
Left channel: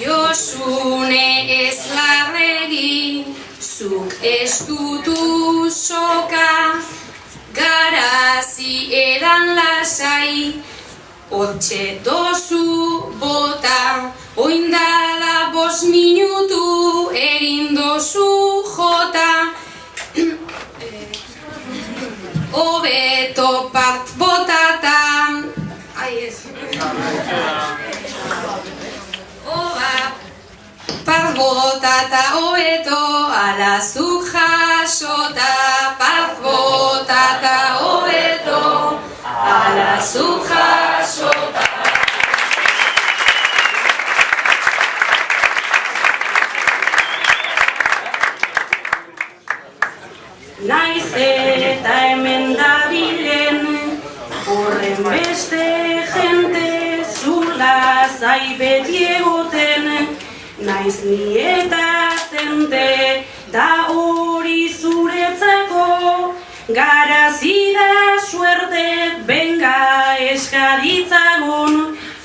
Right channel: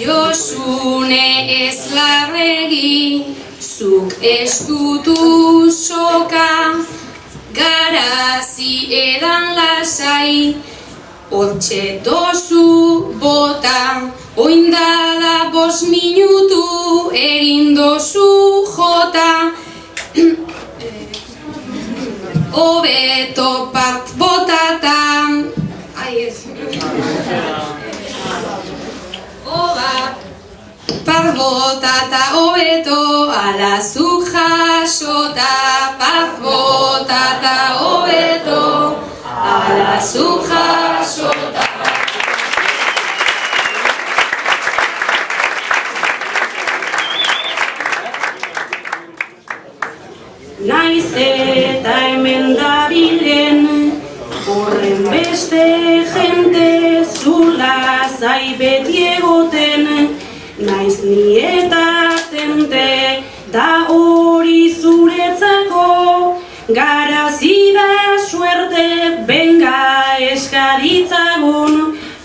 Josune ez larregi, zuk estutu soka, garazi edan lasai, hortxe dozu bota, oindala 5 minutu egin dozu jota, hobeto part botatan, part botata hobeto, ala zuk jasota, part botata hobeto, ala zuk jasota. Naiz eta hemen dabilen, horren beste jente, zula zai beti egoten, naiz ni eta tente, da hori zuretzako, garazi da suerte, benga eskaritzagun,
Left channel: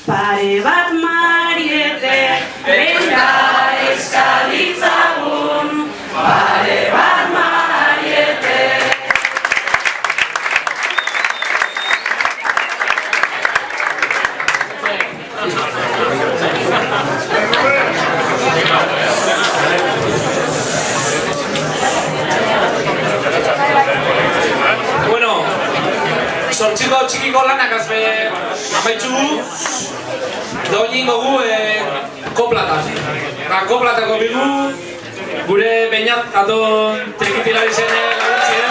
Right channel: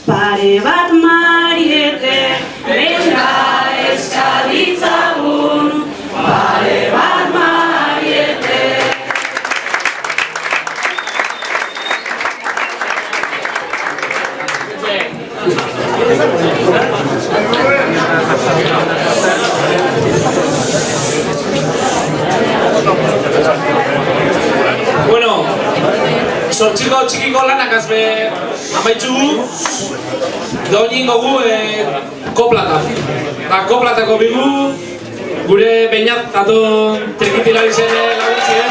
pare bat Mariete, benga eskaritzagun, pare bat Mariete. Bueno, sortxiko txikiko lanak azbe amaitxugu, doinin gogu koplata. Da koplatako bigu, gure Beñat aton trikitilari zen laguntzien.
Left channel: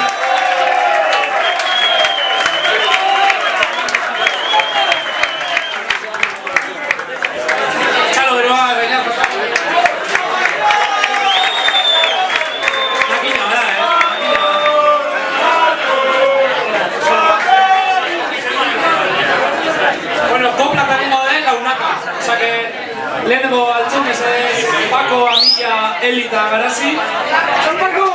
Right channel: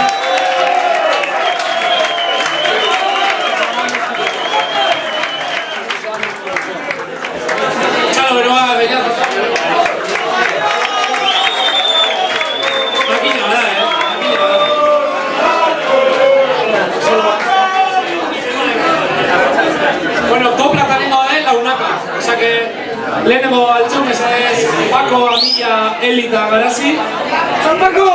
Txalo beroa, Beñat aton. Makina bada, makina bada. Bueno, koplata nengo den launaka. Osa que lehenengo altzun ez Pako, Amilla, Eli eta Garazi. Pako!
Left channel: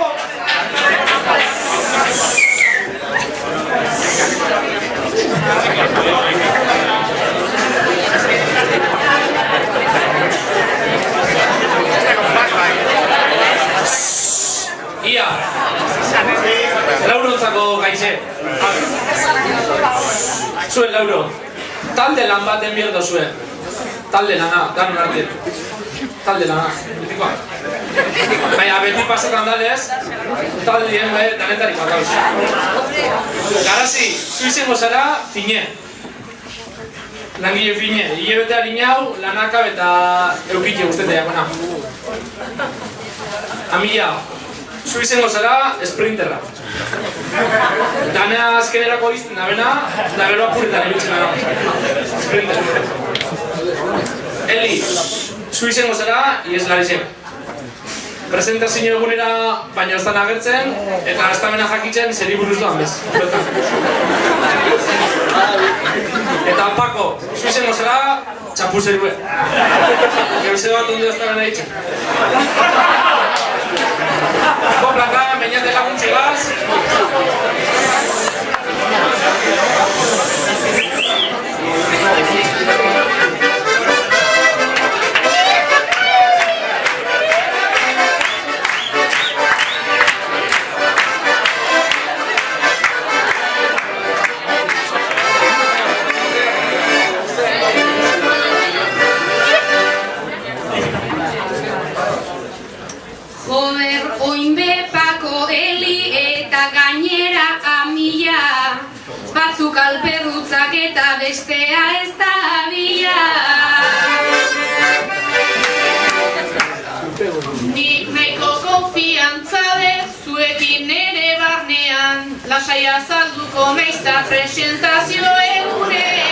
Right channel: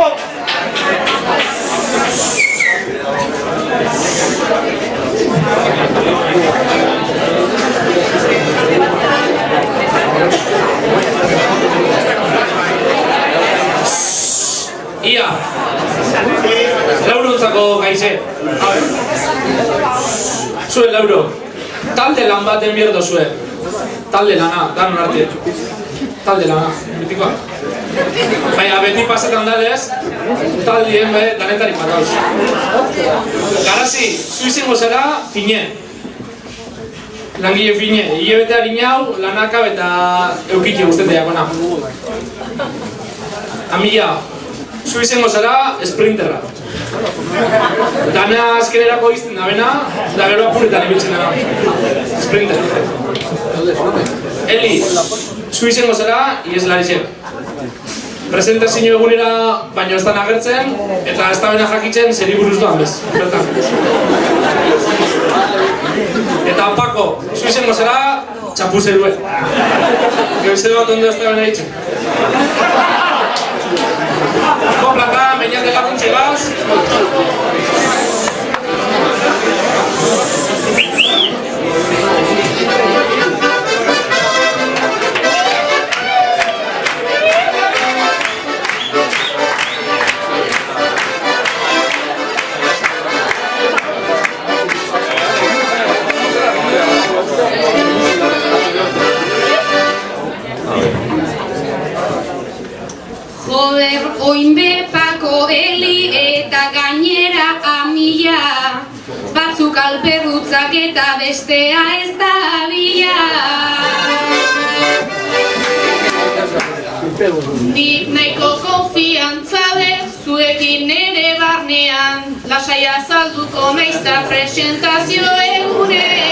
Ia! Laurontzako gaize. Zuen lauro. Talde lan baten bierdo zuen. Talde lana, danon arte. Talde lana, betikoa. Baina, beti pasetan dalez, taldien danetarik bat gauz. Garazi, zu izango zara fine. Langile fine. Hilebete harin hau, lanaka eta eukitxe guztetea, bona. Amilla, zu izango zara sprinterra. Dana azkenerako izten da bena, da gero apuretan ibiltzen da. Sprinter. Eli, zu izango zara, ieslari zen. Presentazio egunera baina ez da agertzen, eta ez da bena jakitzen zeri buruz doan bez. Bertan. Eta Pako, zu izango zara, txapuzerue. Geuze bat ondo ez da bena ditzen. Koplata, Beñat laguntze gaz. Joder, oinbe, Pako, Eli eta gainera amila, batzuk alperrutzak eta bestea ez da bila. Nik nahiko konfiantza dut zuekin nere barnean, lasai azalduko naizta presentazio egunean.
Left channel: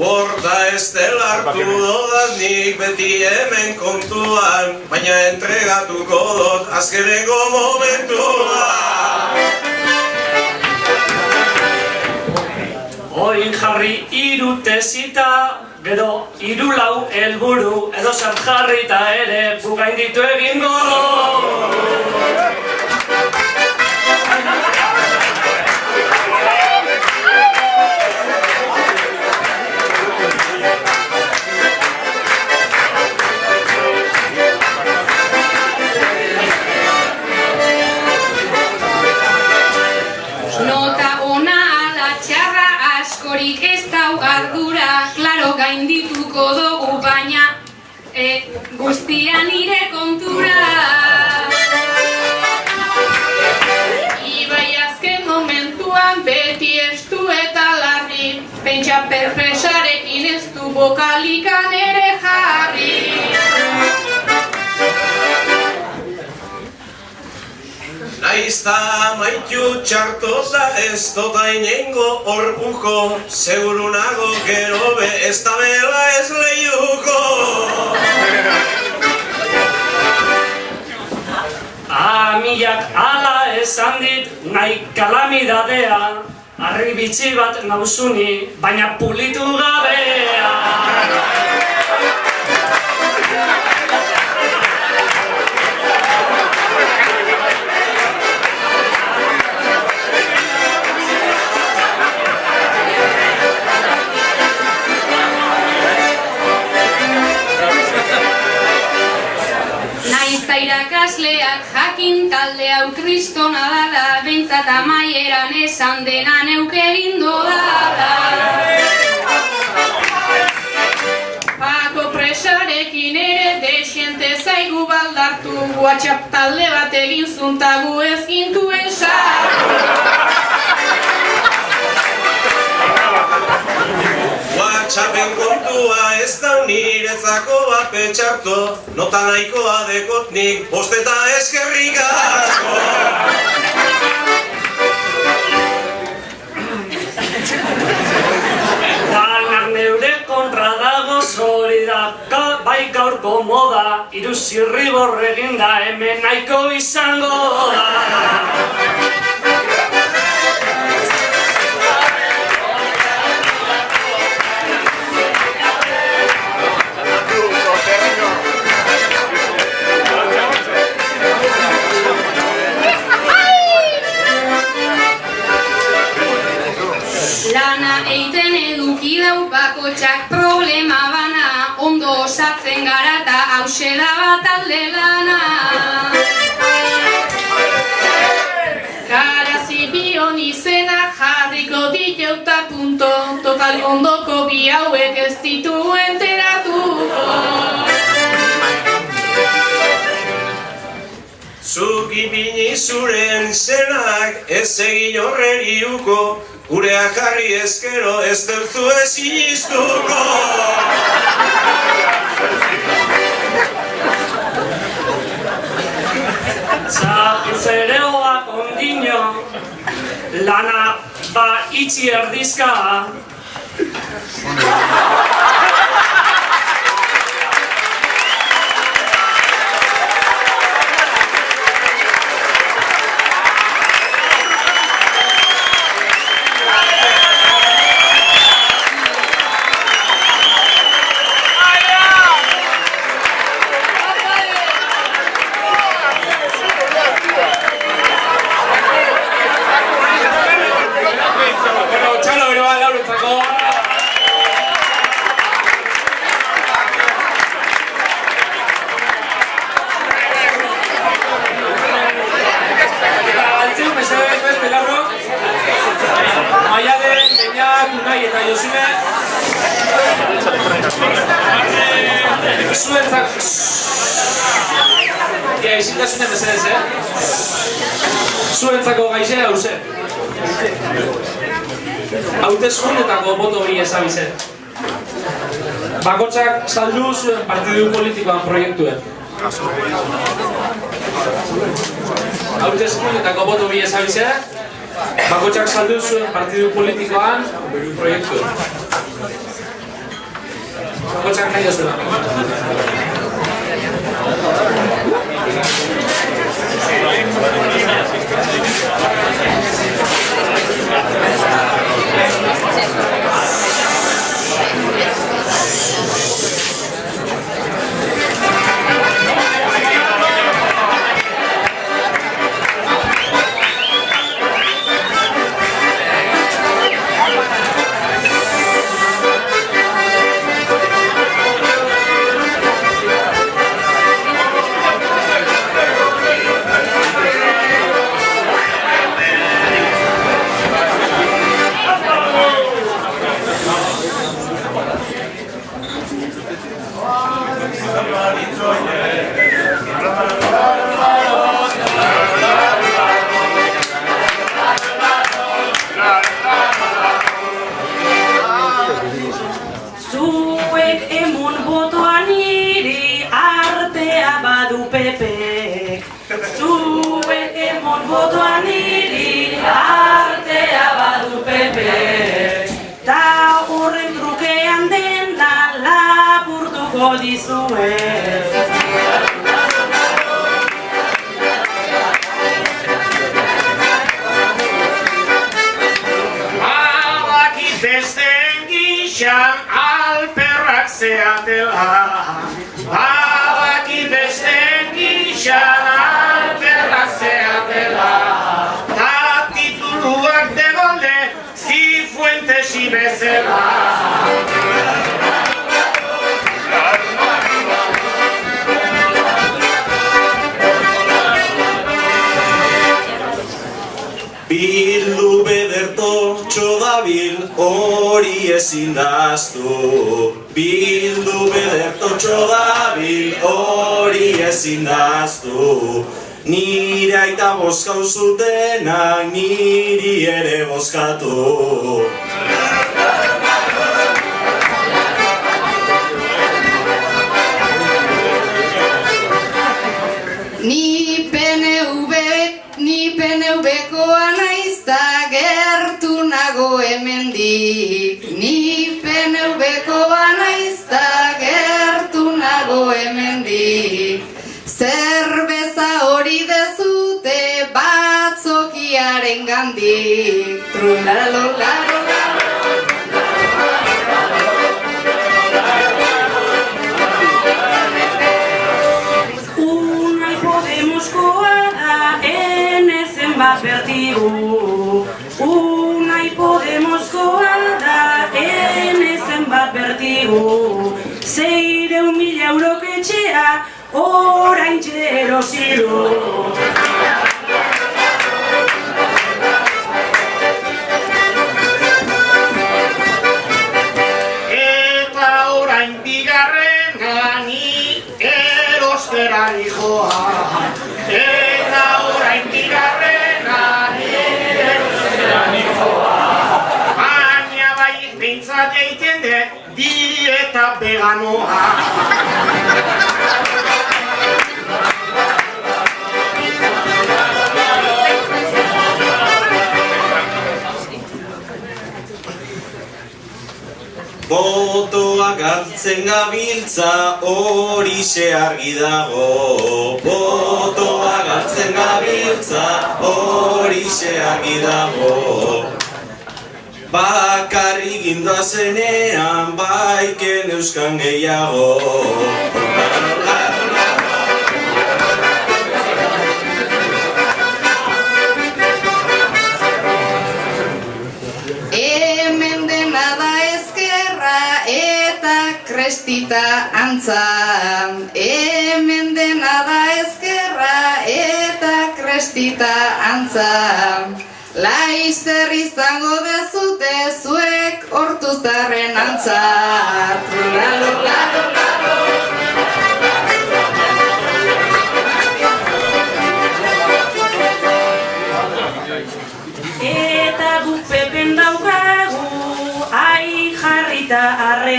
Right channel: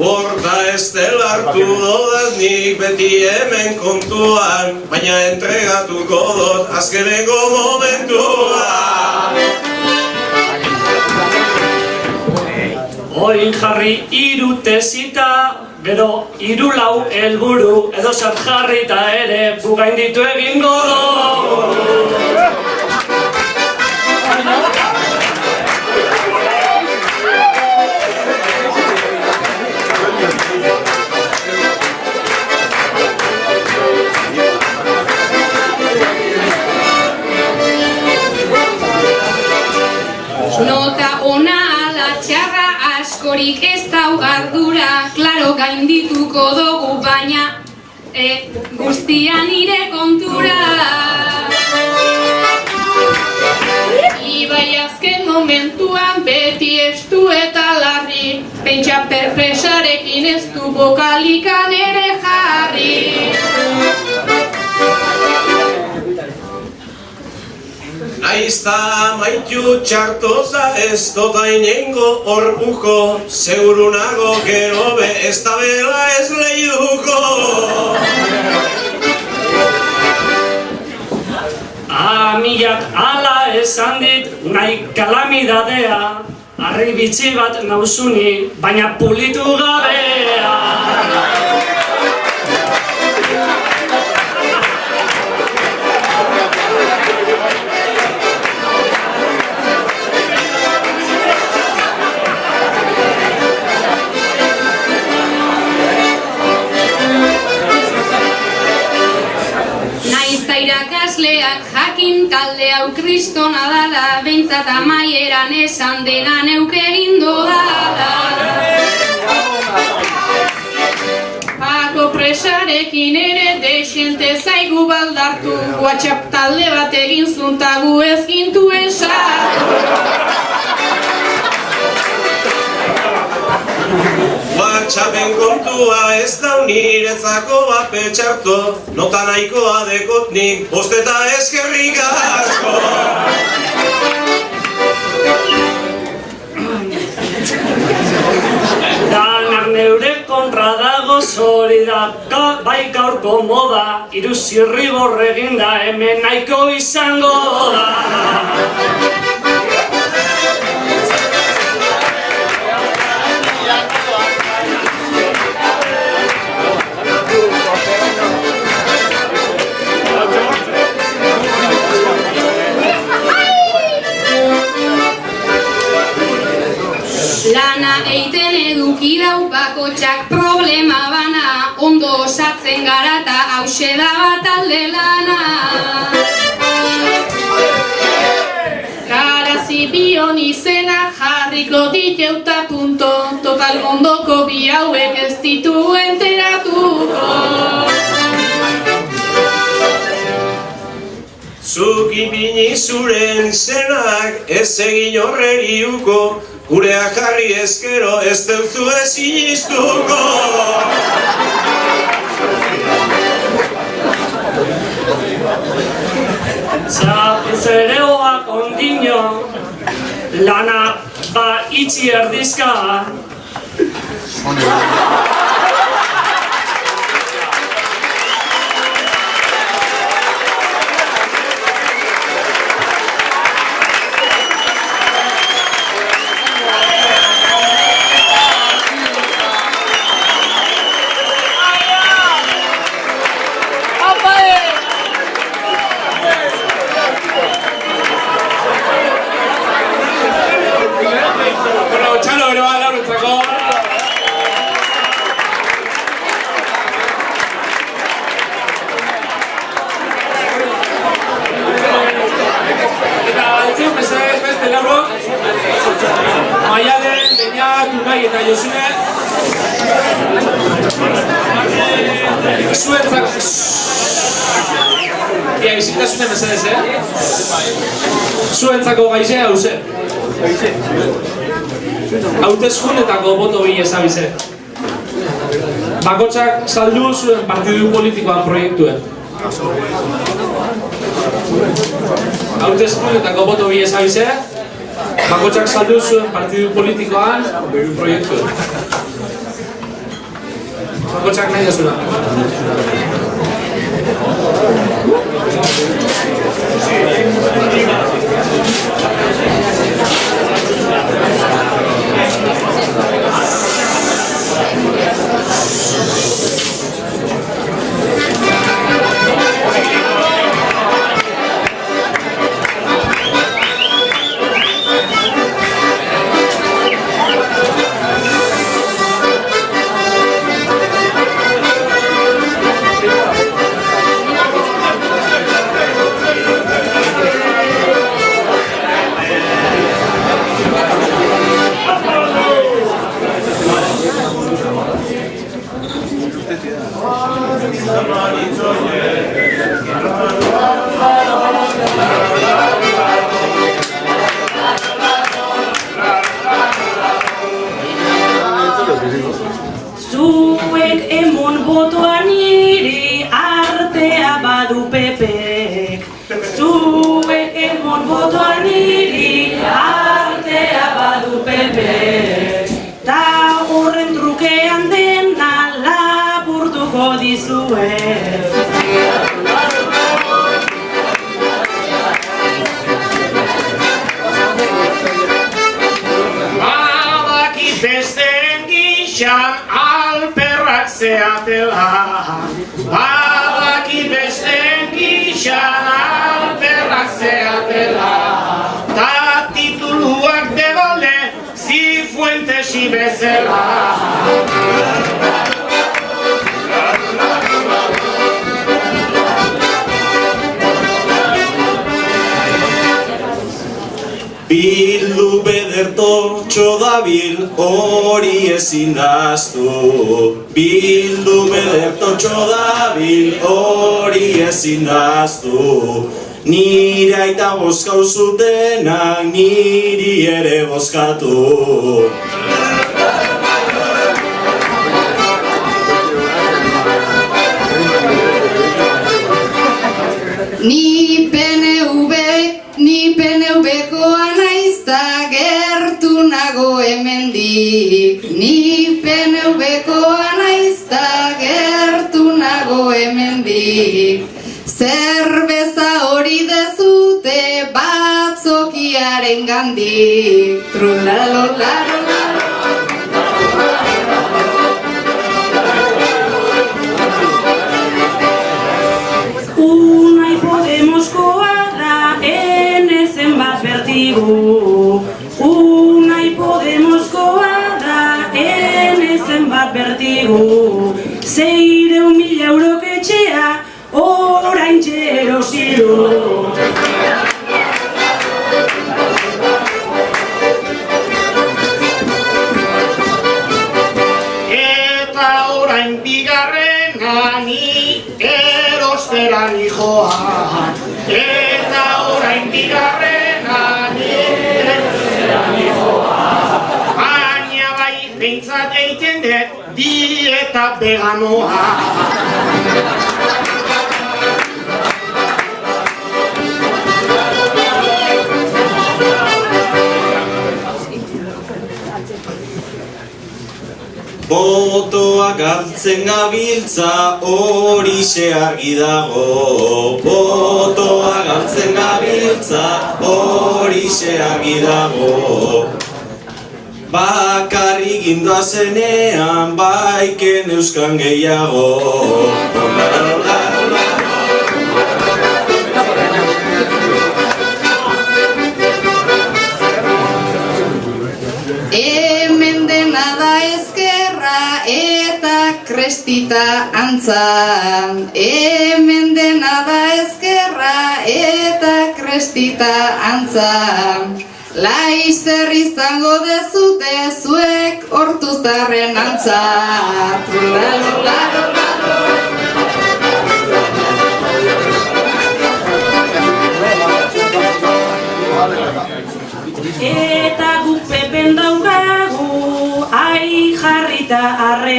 Borda ez dela hartu dodaz nik beti hemen kontuan, baina entregatuko dut azkeneko momentuan. Oin jarri 3 tesita, gero 4 helburu, edo zer jarrita ere bugainditu egingo du. Nota ona ala txarra askorik ez dau ardura, klaro gaindituko dugu baina guztia nire kontura. Ibai azken momentuan beti estu eta larri, pentsa perpresarekin ez du bokalikan ere jarri. Naizta maitu txartota ez dota inengo orbuko, seguru nago gero be ez da bela ez lehiuko. Amilak ala esan dit nahi kalamidadea, harri bitxi bat nauzuni, baina pulitu gabea. Irakasleak jakin talde hau kristona dala, behintzat amaieran esan dena neuk egin dodala. Pako presarekin ere desiente zaigu baldartu, WhatsApp talde bat egin zuntagu ez gintuen sartu. WhatsAppen kontua ez da niretzako bape txarto, nota nahikoa dekot nik, bost eta eskerrik asko. Danak neure kontra dago zori da, bai gaurko moda, iruzirri borregin da, hemen nahiko izango da. Lana eiten eduki dau bakotxak problema bana, ondo osatzen gara eta hause da bat alde lana. Karazi bion izena jarriko diteuta punto, total ondoko bi hauek ez ditu enteratuko. Zuk ipini zuren zenak ez egin horreriuko, gureak jarri ezkero ez deutzu ez inistuko. Zapizereoak ondino, lana ba itxi erdizka. Bueno, txalo bero bat lauretzako. Zuentzako... Ia, izintasune mesedez, Zuentzako gaize hauze. Hauteskunetako boto bi ezabize. Bakotxak saldu zuen partidu politikoan proiektuen. Hauteskunetako boto bi ezabize. Bakotxak saldu zuen partidu politikoan proiektuen. Bakotxak nahi da zuen. Zuek emon botoa niri artea badu pepek. Zuek emon botoa niri artea badu pepek. Ta horren trukean dena lapurtuko dizuet. Badakit besteen gixan alperrak zeatela. Badakit besteen gixan alperrak zeatela. Ta tituluak de gole Zifuentes y bezala. Bildu bederto txodabil hori ezin daztu. Bildu bederto txodabil hori ezin daztu. Nire aita bozkau zutenak niri ere bozkatu. Ni PNV-koa naizta gertu nago hemendik. Ni PNV-koa naizta gertu nago hemendik. Zerbeza hori dezute batzokiaren gandik. Trulalalolala. Unai Podemoskoa da enezen bat bertigu. Unai Podemoskoa da enezen bat bertigu. 600.000 eurok etxea orain erosi du. Eta orain bigarrena ni erostera nijoa. Eta orain bigarrena ni erostera nijoa. Baina bai behintzat egiten dut dieta veganoa. Botoa galtzen gabiltza horixe argi dago. Botoa galtzen gabiltza horixe argi dago. Bakarrik gindoazenean baiken euskan gehiago. Hemen dena da ezkerra eta krestita antza. Hemen dena da ezkerra eta krestita antza. Laizzer izango dezute zuek hortuztarren antza. Trulalolalo.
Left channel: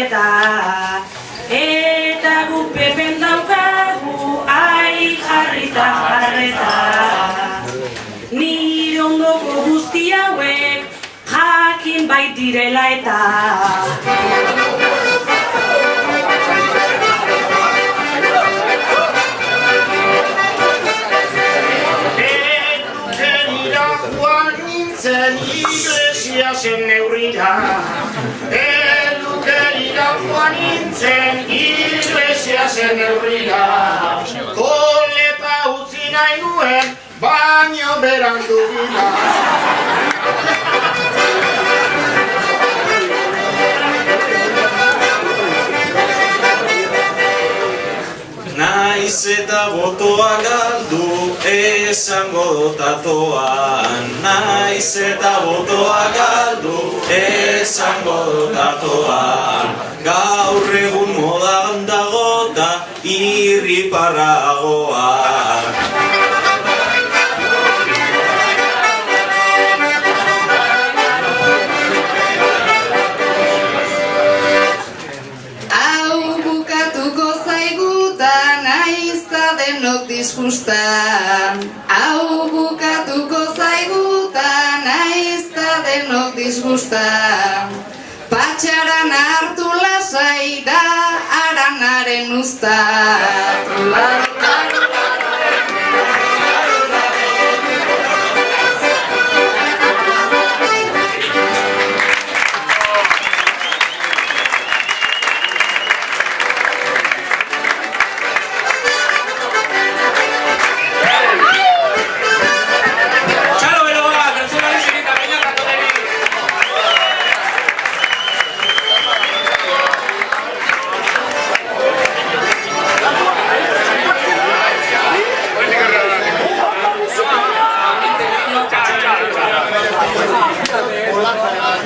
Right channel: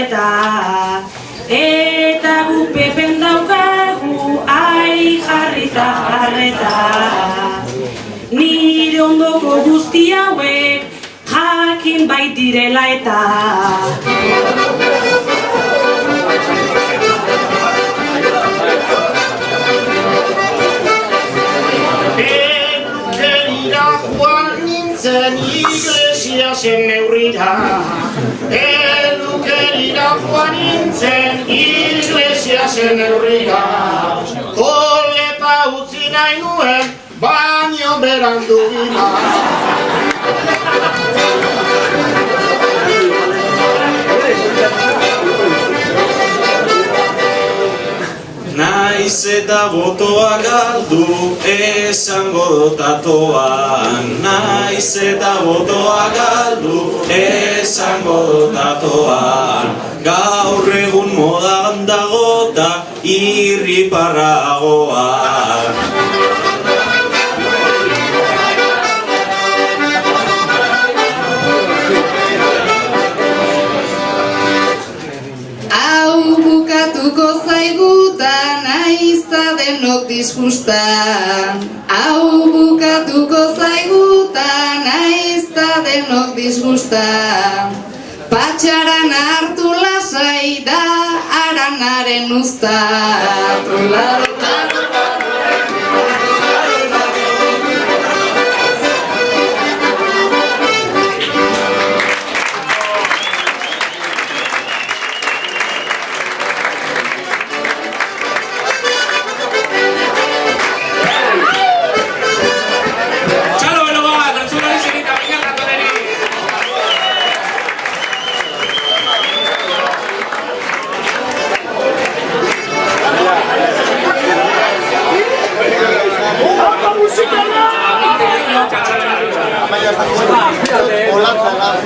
arreta. Eta gu pepen daukagu, ai jarrita jarreta. Nire ondoko guzti hauek, jakin baitirela eta. Elukerira joan nintzen iglesiasen neurrira. Elukerira joan nintzen iglesiasen neurrira. Koleta utzi nahi nuen, baino berandu gila. Naiz eta botoa galdu esango dotatoan. Naiz eta botoa galdu esango dotatoan. Gaur egun modan dagota irriparragoan. Denok disgustan, hau bukatuko zaigutan, aizta denok disgustan. Patxaran hartu lasai da, aranaren usta.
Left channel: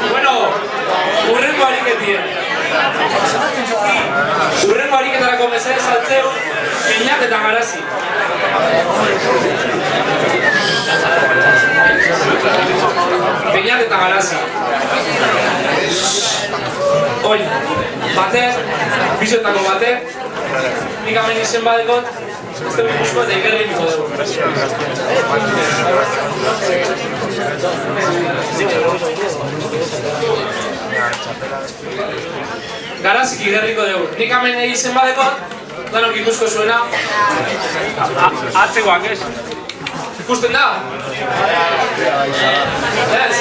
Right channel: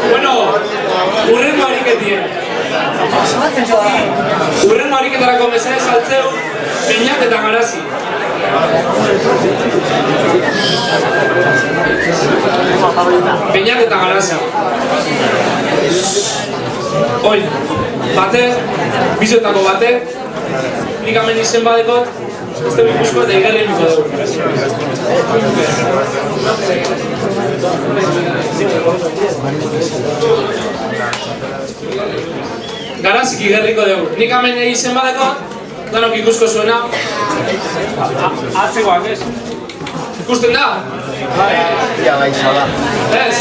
Bueno, urrengo ariketien. Urrengo ariketarako mesedez saltzeu, Beñat eta Garazi. Beñat eta Garazi. Oin, batek, bizoetako batek, nik hemen izen badekot, ez dugu ikusko eta igerri imiko dugu. Garazik igerriko dugu. Nik hemen izen badekot, danok ikusko zuena. Atzegoak ez? Ikusten da? Ez?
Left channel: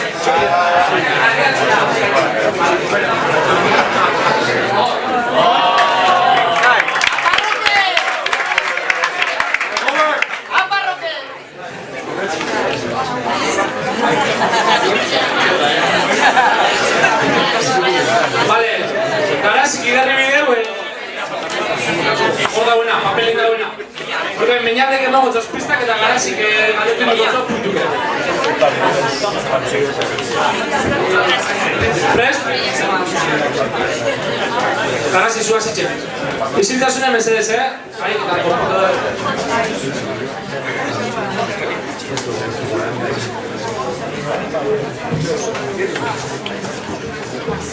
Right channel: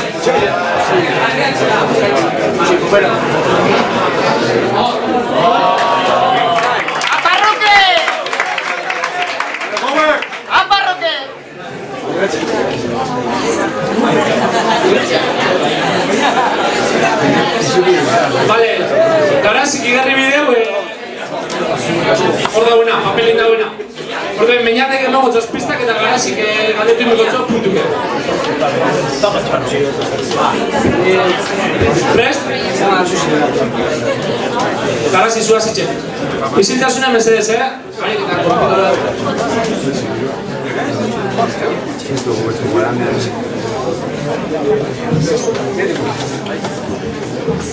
Vale, Garazik igarri bideu, hor dauena, papelin dauena. Horben, Beñatek emango txospistak eta Garazik galdetu imikotzo puntuke. Prest? Garazik zuaz itxe. Isiltasuna mesedez, harik eta korpiko da.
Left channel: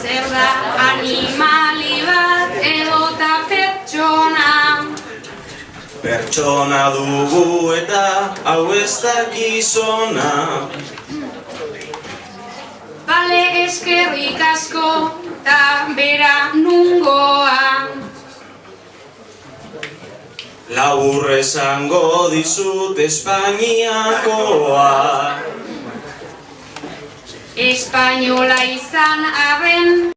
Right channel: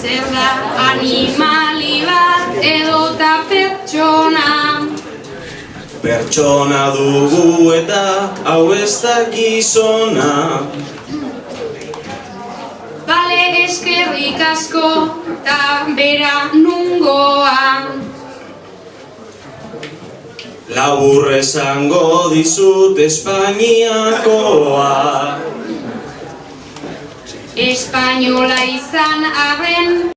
Zer da animali bat edota pertsona? Pertsona dugu eta hau ez da gizona. Bale eskerrik asko eta bera nungoa. Labur esango dizut Espainiakoa. Espainola izan arren